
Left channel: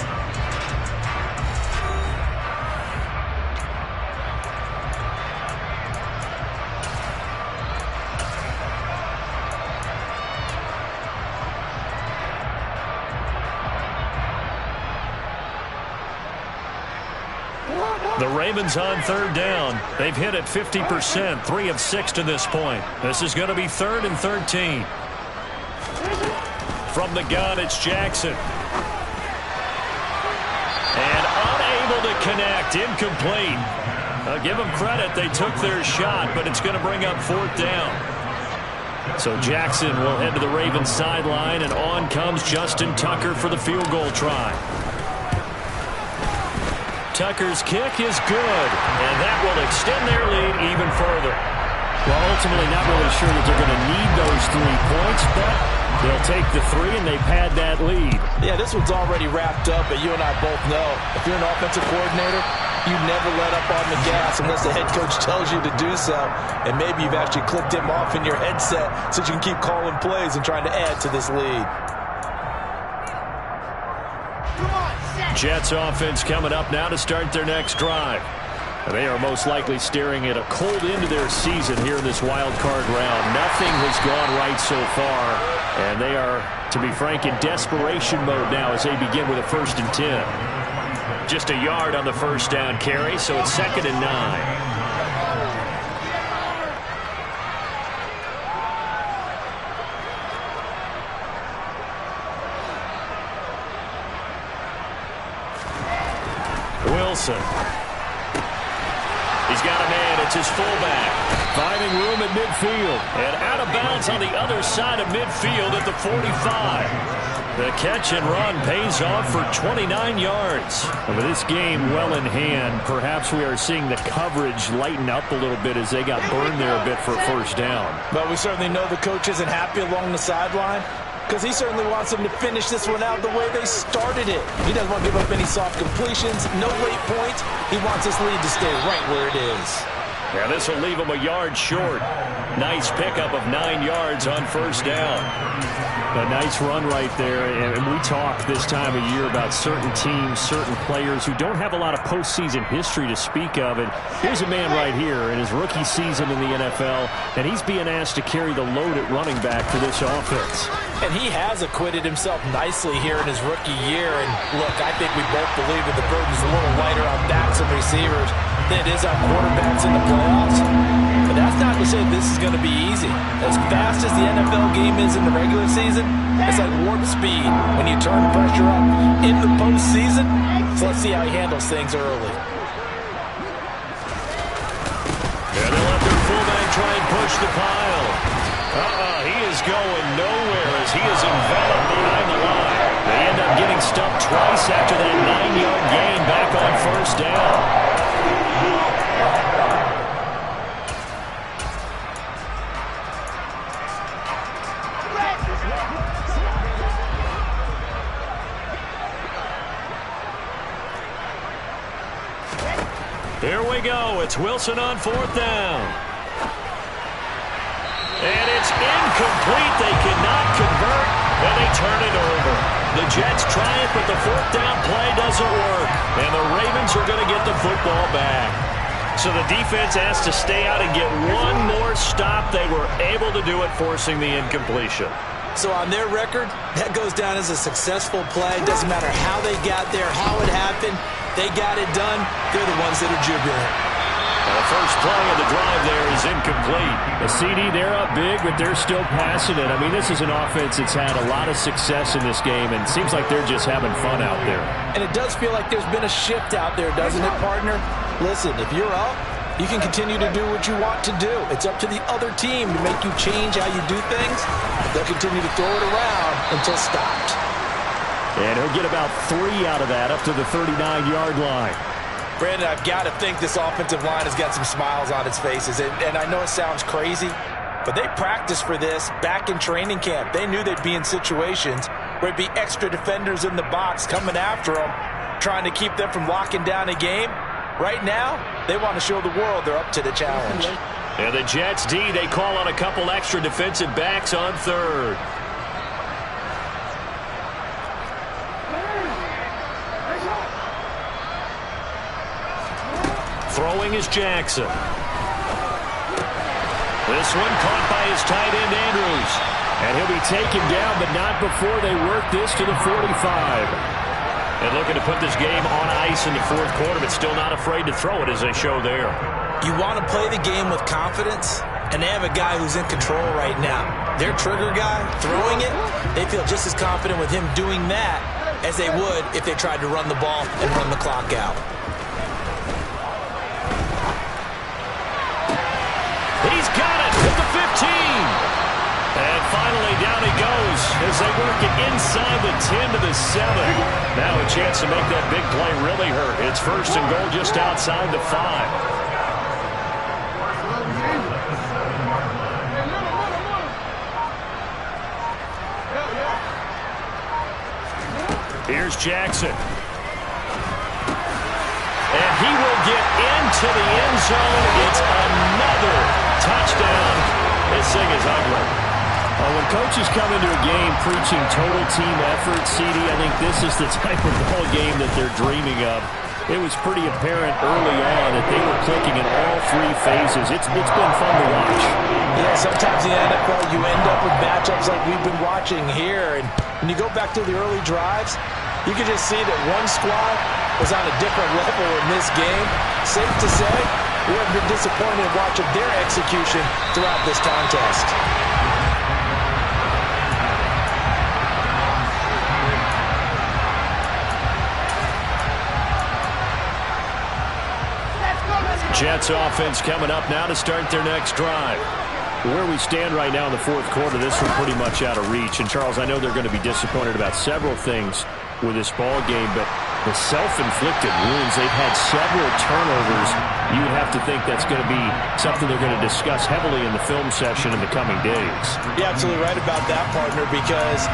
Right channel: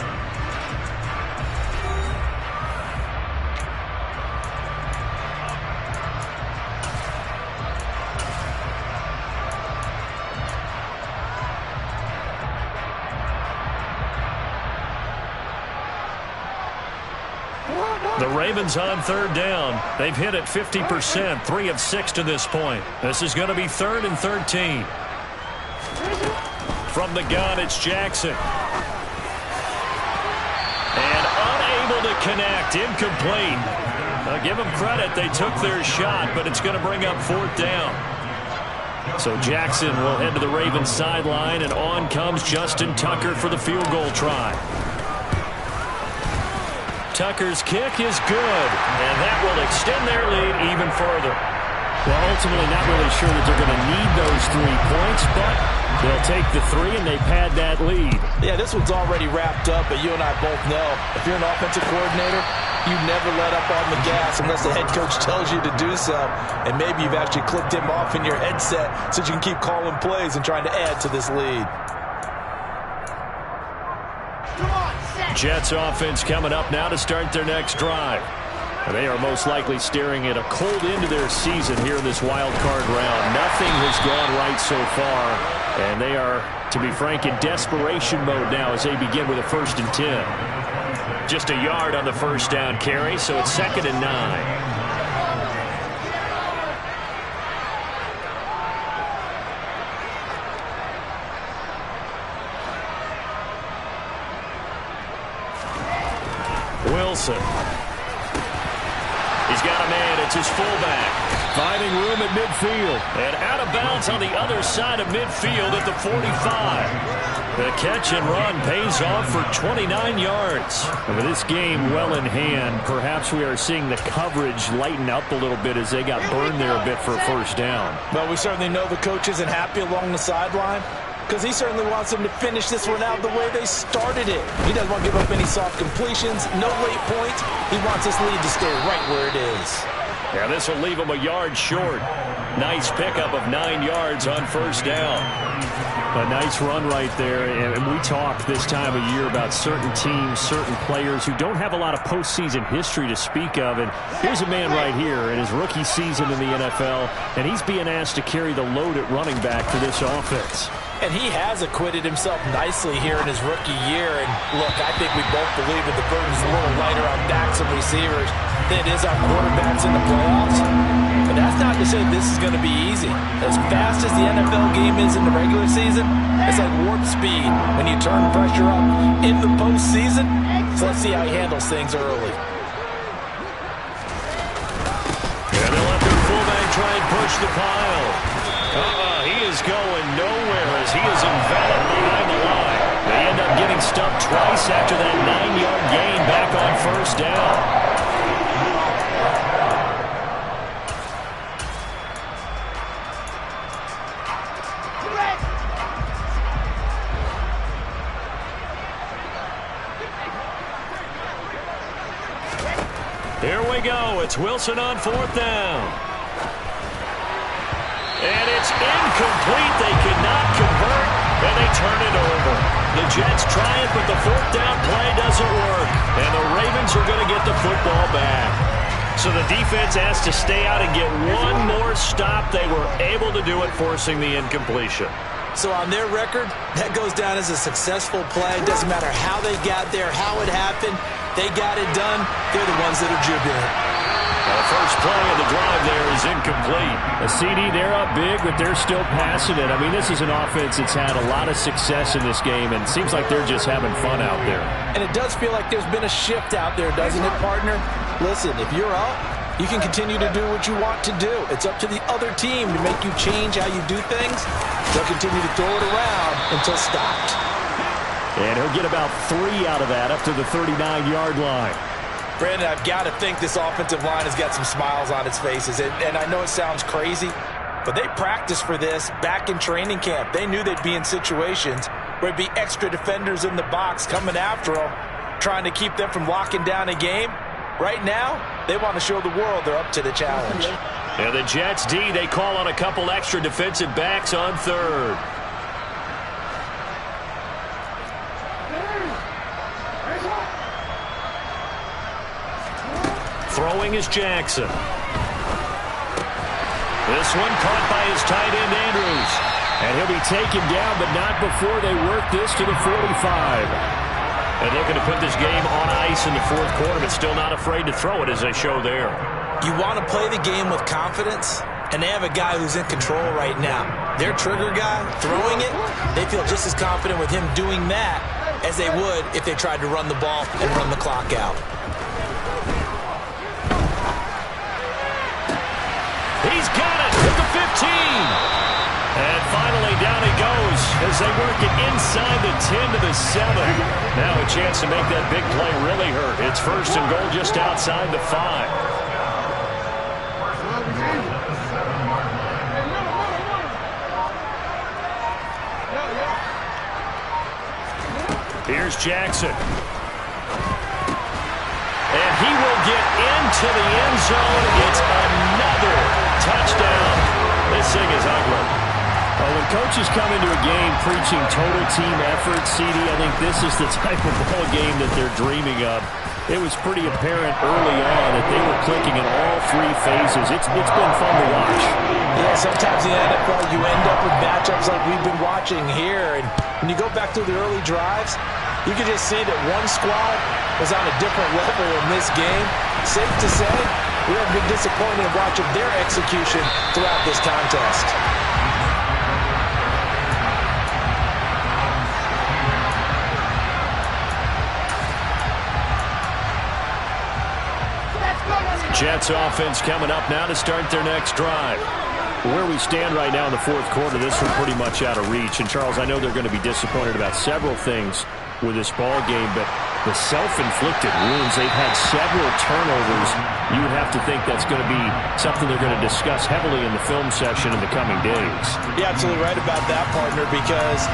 The Ravens on third down. They've hit it 50%, 3 of 6 to this point. This is going to be 3rd and 13. From the gun, it's Jackson. And unable to connect, incomplete. I'll give them credit, they took their shot, but it's going to bring up 4th down. So Jackson will head to the Ravens sideline, and on comes Justin Tucker for the field goal try. Tucker's kick is good, and that will extend their lead even further. Well, ultimately not really sure that they're going to need those 3 points, but they'll take the 3 and they pad that lead. Yeah, this one's already wrapped up, but you and I both know if you're an offensive coordinator, you never let up on the gas unless the head coach tells you to do so. And maybe you've actually clicked him off in your headset so you can keep calling plays and trying to add to this lead. Jets offense coming up now to start their next drive. They are most likely staring at a cold end to their season here in this wild card round. Nothing has gone right so far, and they are, to be frank, in desperation mode now as they begin with a 1st and 10. Just a yard on the first down carry, so it's 2nd and 9. Wilson. He's got a man. It's his fullback. Finding room at midfield. And out of bounds on the other side of midfield at the 45. The catch and run pays off for 29 yards. And with this game well in hand, perhaps we are seeing the coverage lighten up a little bit as they got burned there a bit for a 1st down. But we certainly know the coach isn't happy along the sideline, because he certainly wants them to finish this one out the way they started it. He doesn't want to give up any soft completions, no late points. He wants this lead to stay right where it is. Yeah, this will leave him a yard short. Nice pickup of 9 yards on 1st down. A nice run right there. And we talk this time of year about certain teams, certain players who don't have a lot of postseason history to speak of. And here's a man right here in his rookie season in the NFL, and he's being asked to carry the load at running back for this offense. And he has acquitted himself nicely here in his rookie year. And look, I think we both believe that the burden's a little lighter on backs and receivers than it is on quarterbacks in the playoffs. But that's not to say this is going to be easy. As fast as the NFL game is in the regular season, it's like warp speed when you turn pressure up in the postseason. So let's see how he handles things early. Yeah, they'll let their fullback try and push the pile. He is going nowhere as he is enveloped behind the line. They end up getting stuffed twice after that 9-yard gain back on 1st down. Here we go. It's Wilson on 4th down. And it's incomplete. They cannot convert, and they turn it over. The Jets try it, but the 4th down play doesn't work. And the Ravens are going to get the football back. So the defense has to stay out and get one more stop. They were able to do it, forcing the incompletion. So on their record, that goes down as a successful play. Doesn't matter how they got there, how it happened. They got it done. They're the ones that are jubilant. Now the first play of the drive there is incomplete. The CD, they're up big, but they're still passing it. I mean, this is an offense that's had a lot of success in this game, and it seems like they're just having fun out there. And it does feel like there's been a shift out there, doesn't it, partner? Listen, if you're up, you can continue to do what you want to do. It's up to the other team to make you change how you do things. They'll continue to throw it around until stopped. And he'll get about 3 out of that up to the 39-yard line. Brandon, I've got to think this offensive line has got some smiles on its faces. And I know it sounds crazy, but they practiced for this back in training camp. They knew they'd be in situations where it'd be extra defenders in the box coming after them, trying to keep them from locking down a game. Right now, they want to show the world they're up to the challenge. And the Jets D, they call on a couple extra defensive backs on 3rd. Throwing is Jackson. This one caught by his tight end, Andrews. And he'll be taken down, but not before they work this to the 45. And looking to put this game on ice in the fourth quarter, but still not afraid to throw it, as they show there. You want to play the game with confidence, and they have a guy who's in control right now. Their trigger guy, throwing it, they feel just as confident with him doing that as they would if they tried to run the ball and run the clock out. He's got it at the 15. And finally, down he goes as they work it inside the 10 to the 7. Now a chance to make that big play really hurt. It's first and goal just outside the 5. Here's Jackson. And he will get into the end zone. It's another touchdown. This thing is ugly. When coaches come into a game preaching total team effort, CD, I think this is the type of ball game that they're dreaming of. It was pretty apparent early on that they were clicking in all three phases. It's been fun to watch. Yeah, sometimes in the NFL you end up with matchups like we've been watching here. And when you go back to the early drives, you can just see that one squad was on a different level in this game. Safe to say, we haven't been disappointed in watching their execution throughout this contest. Jets offense coming up now to start their next drive. Where we stand right now in the fourth quarter, this one pretty much out of reach. And, Charles, I know they're going to be disappointed about several things with this ball game, but the self-inflicted wounds, they've had several turnovers. You would have to think that's going to be something they're going to discuss heavily in the film session in the coming days. You're absolutely right about that, partner, because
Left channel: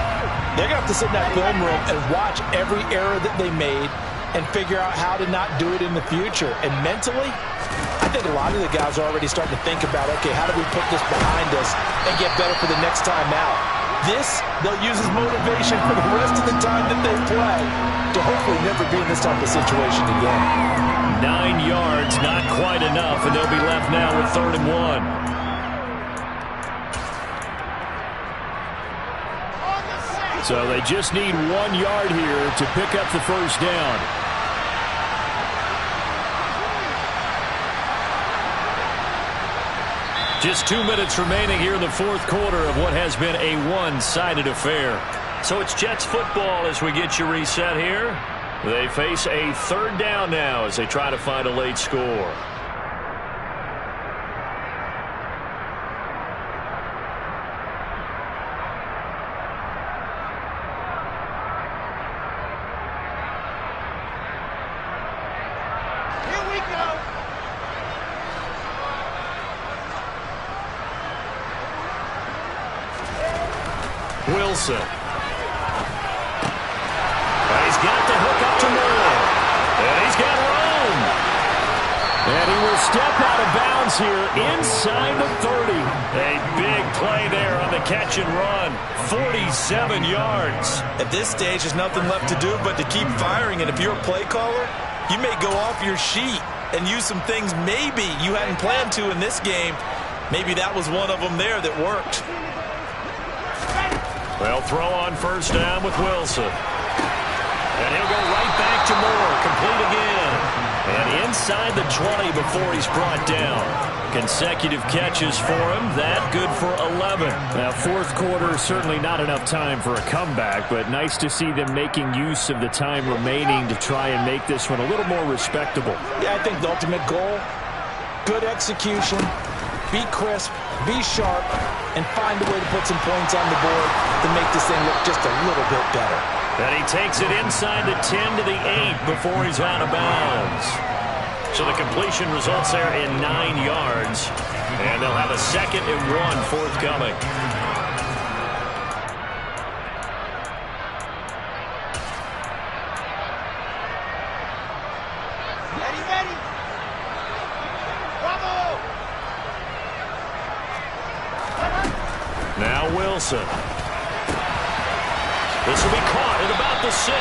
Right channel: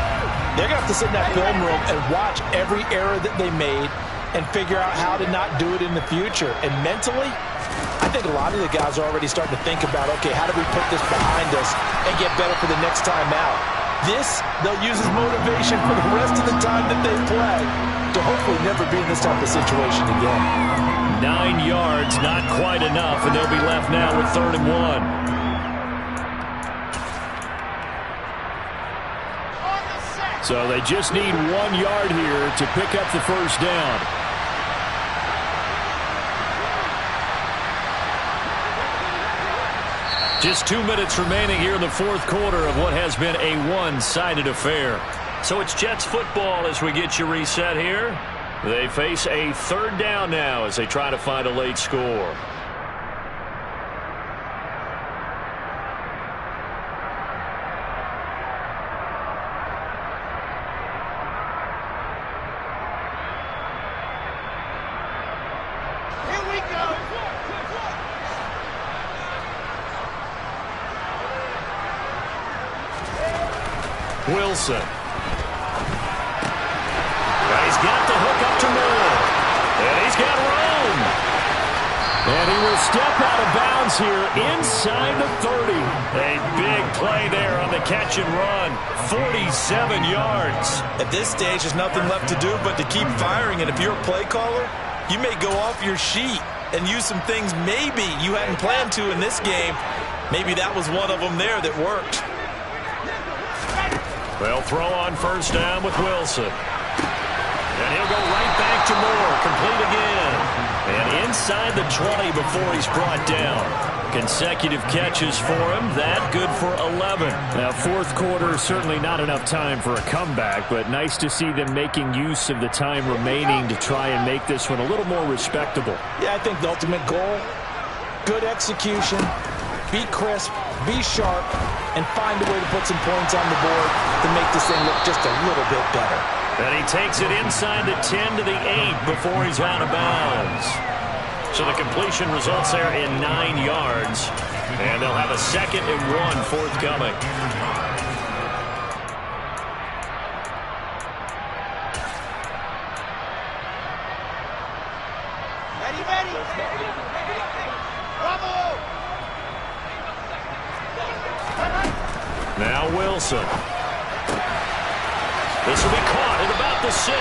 they're going to have to sit in that film room and watch every error that they made and figure out how to not do it in the future. And mentally, I think a lot of the guys are already starting to think about, okay, how do we put this behind us and get better for the next time out? This, they'll use as motivation for the rest of the time that they play to hopefully never be in this type of situation again. 9 yards, not quite enough, and they'll be left now with 3rd and 1. So they just need 1 yard here to pick up the first down. Just 2 minutes remaining here in the fourth quarter of what has been a one-sided affair. So it's Jets football as we get you reset here. They face a 3rd down now as they try to find a late score. Here we go. Wilson. And he's got the hook up to Moore. And he's got room. And he will step out of bounds here inside the 30. A big play there on the catch and run. 47 yards. At this stage, there's nothing left to do but to keep firing. And if you're a play caller, you may go off your sheet and use some things maybe you hadn't planned to in this game. Maybe that was one of them there that worked. They'll throw on first down with Wilson. And he'll go right back to Moore. Complete again. And inside the 20 before he's brought down. Consecutive catches for him. That good for 11. Now, fourth quarter, certainly not enough time for a comeback, but nice to see them making use of the time remaining to try and make this one a little more respectable. Yeah, I think the ultimate goal, good execution, be crisp, be sharp, and find a way to put some points on the board to make this thing look just a little bit better. And he takes it inside the 10 to the 8 before he's out of bounds. So the completion results there in 9 yards. And they'll have a 2nd and 1 forthcoming. Ready. Bravo. Now Wilson. This will be caught at about the 6.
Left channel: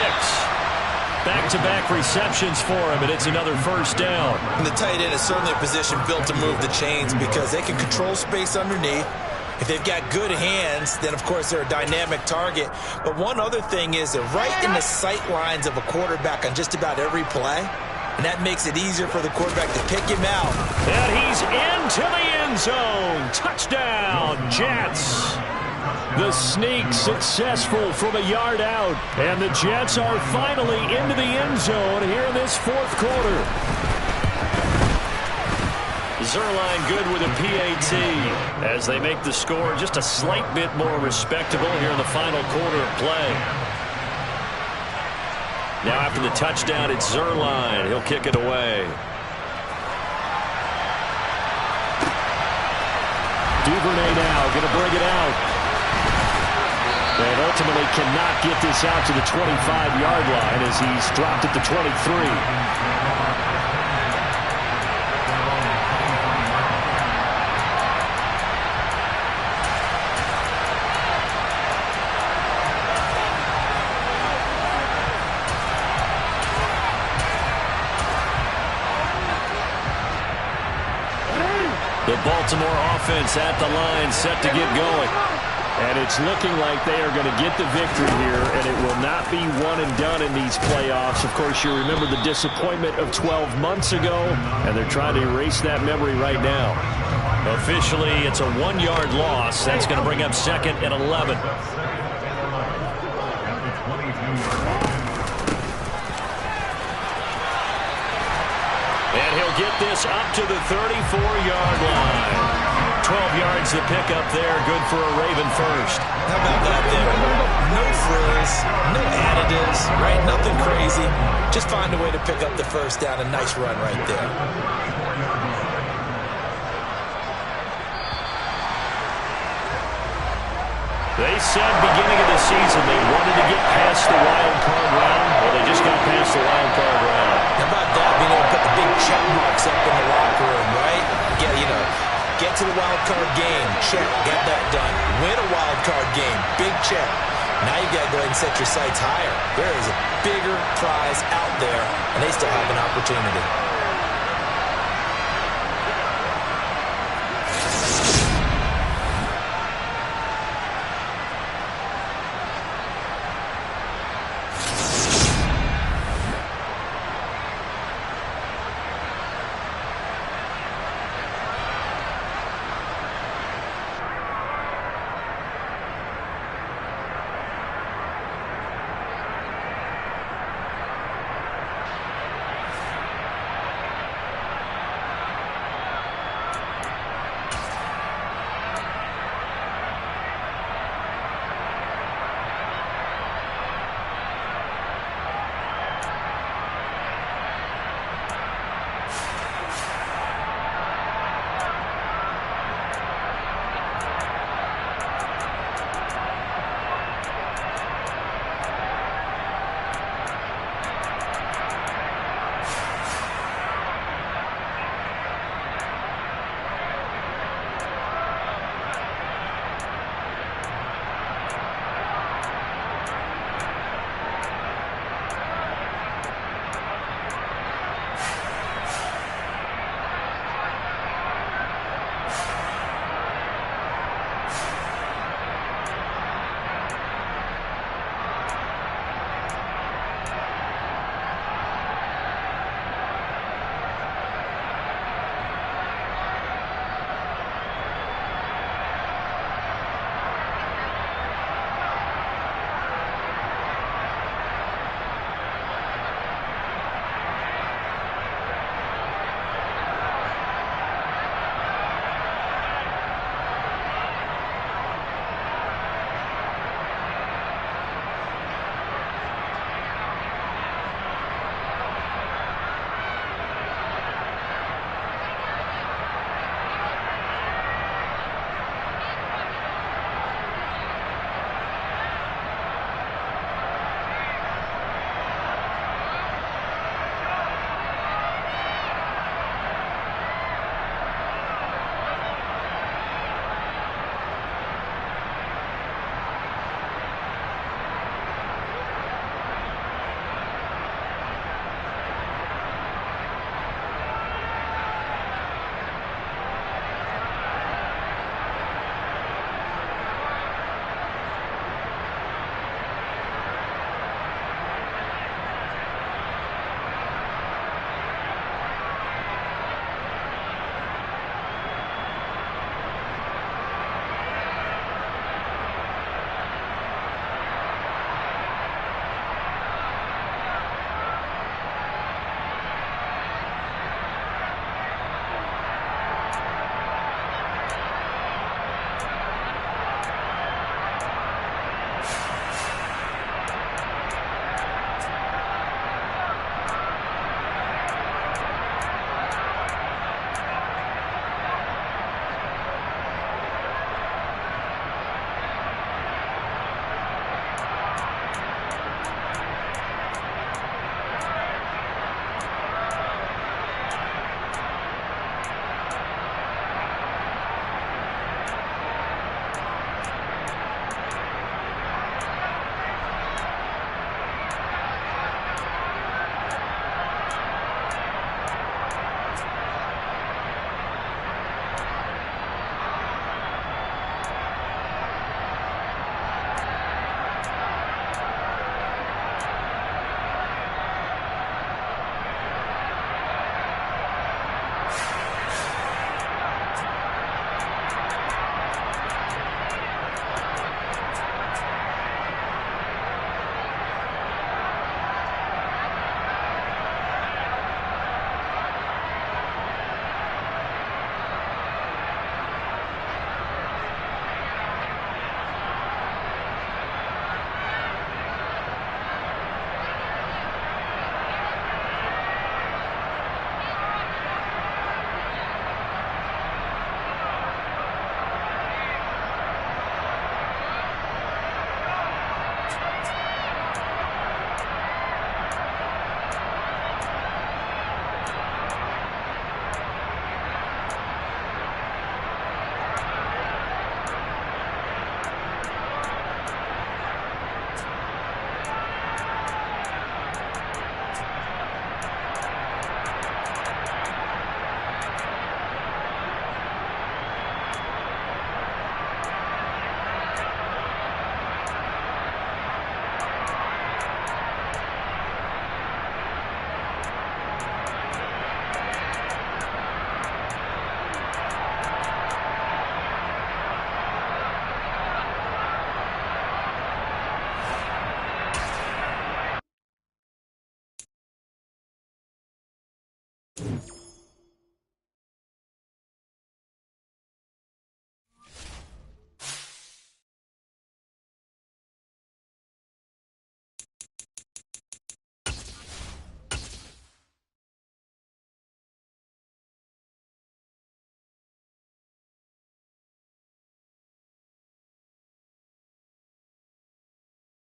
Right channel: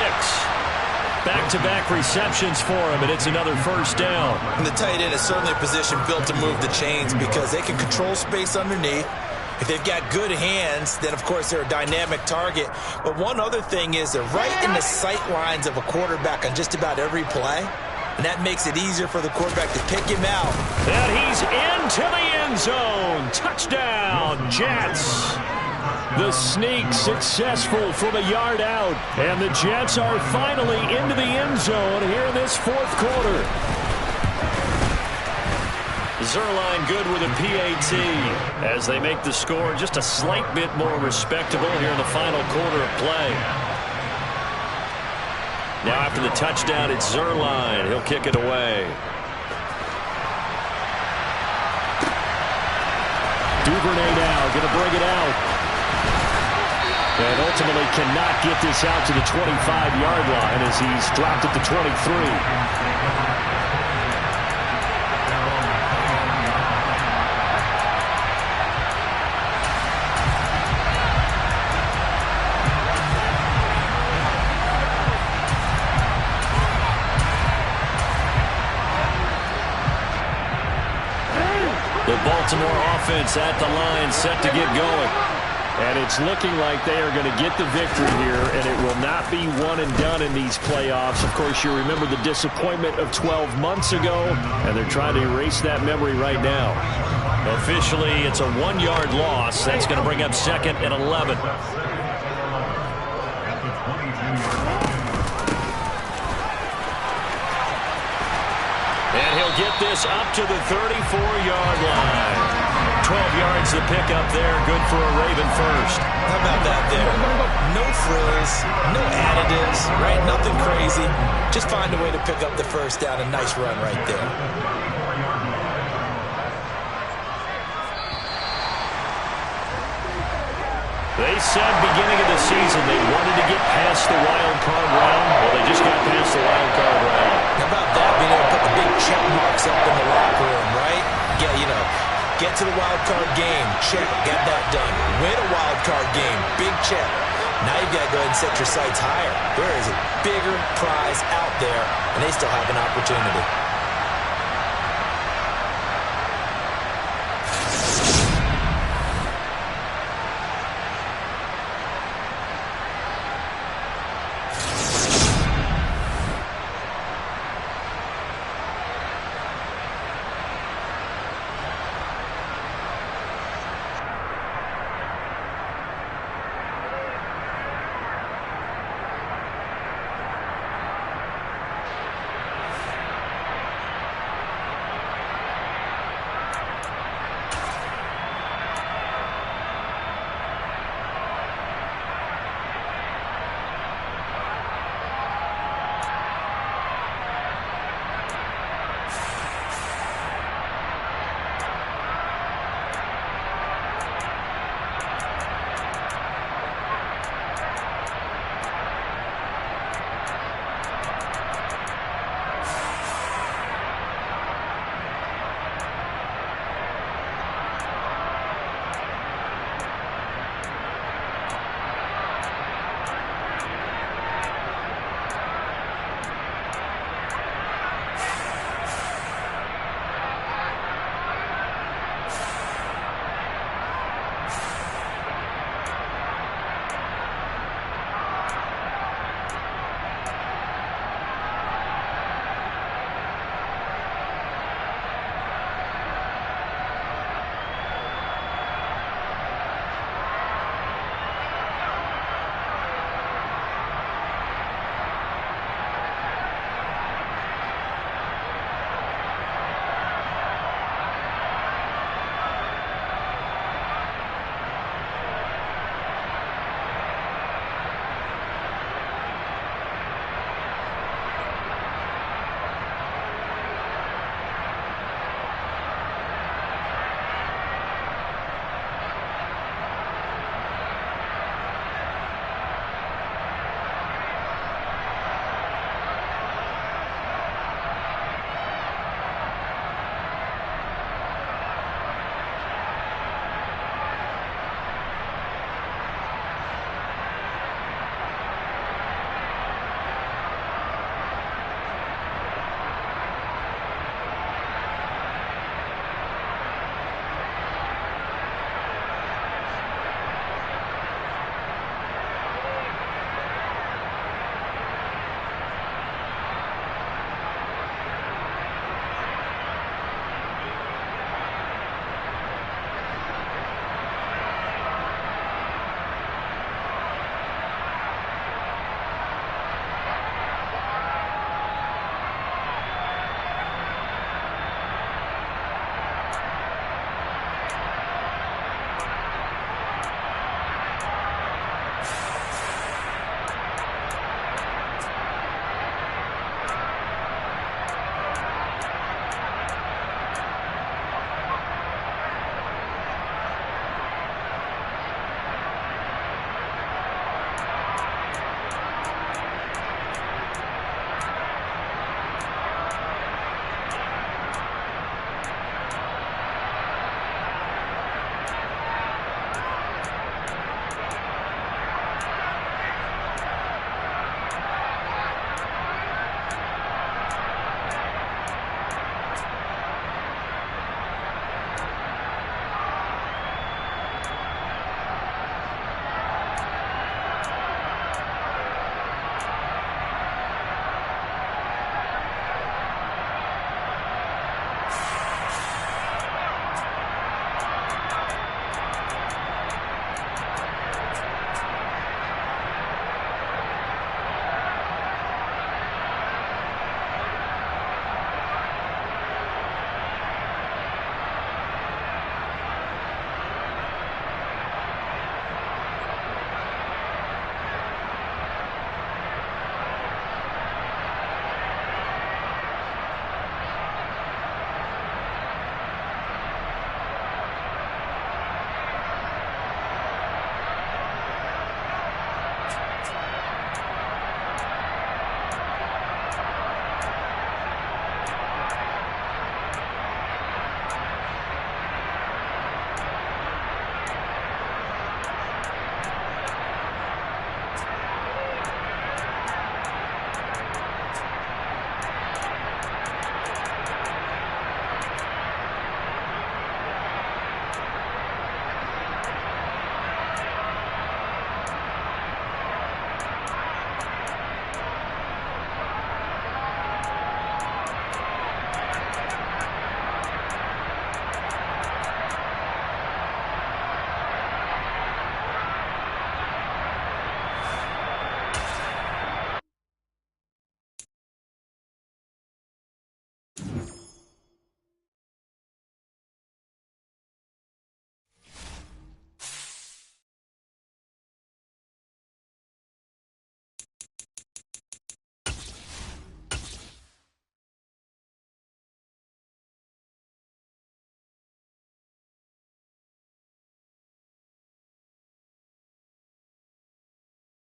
Back-to-back receptions for him, and it's another first down. And the tight end is certainly a position built to move the chains because they can control space underneath, If they've got good hands, then, of course, they're a dynamic target. But one other thing is they're right in the sight lines of a quarterback on just about every play, and that makes it easier for the quarterback to pick him out. And he's into the end zone. Touchdown, Jets. The sneak successful from a yard out. And the Jets are finally into the end zone here in this fourth quarter. Zerline good with a PAT as they make the score just a slight bit more respectable here in the final quarter of play. Now after the touchdown, it's Zerline. He'll kick it away. Duvernay now going to bring it out. And ultimately cannot get this out to the 25-yard line as he's dropped at the 23. The Baltimore offense at the line, set to get going. And it's looking like they are going to get the victory here, and it will not be one and done in these playoffs. Of course, you remember the disappointment of 12 months ago, and they're trying to erase that memory right now. Officially, it's a 1-yard loss. That's going to bring up second and 11. And he'll get this up to the 34-yard line. 12 yards to pick up there. Good for a Raven first. How about that there? No frills, no additives, right? Nothing crazy. Just find a way to pick up the first down. A nice run right there. They said beginning of the season they wanted to get past the wild card round. Well, they just got past the wild card round. How about that? Being able to put the big check marks up in the locker room, right? Yeah, you know, get to the wild card game. Check. Got that done. Win a wild card game. Big check. Now you've got to go ahead and set your sights higher. There is a bigger prize out there, and they still have an opportunity.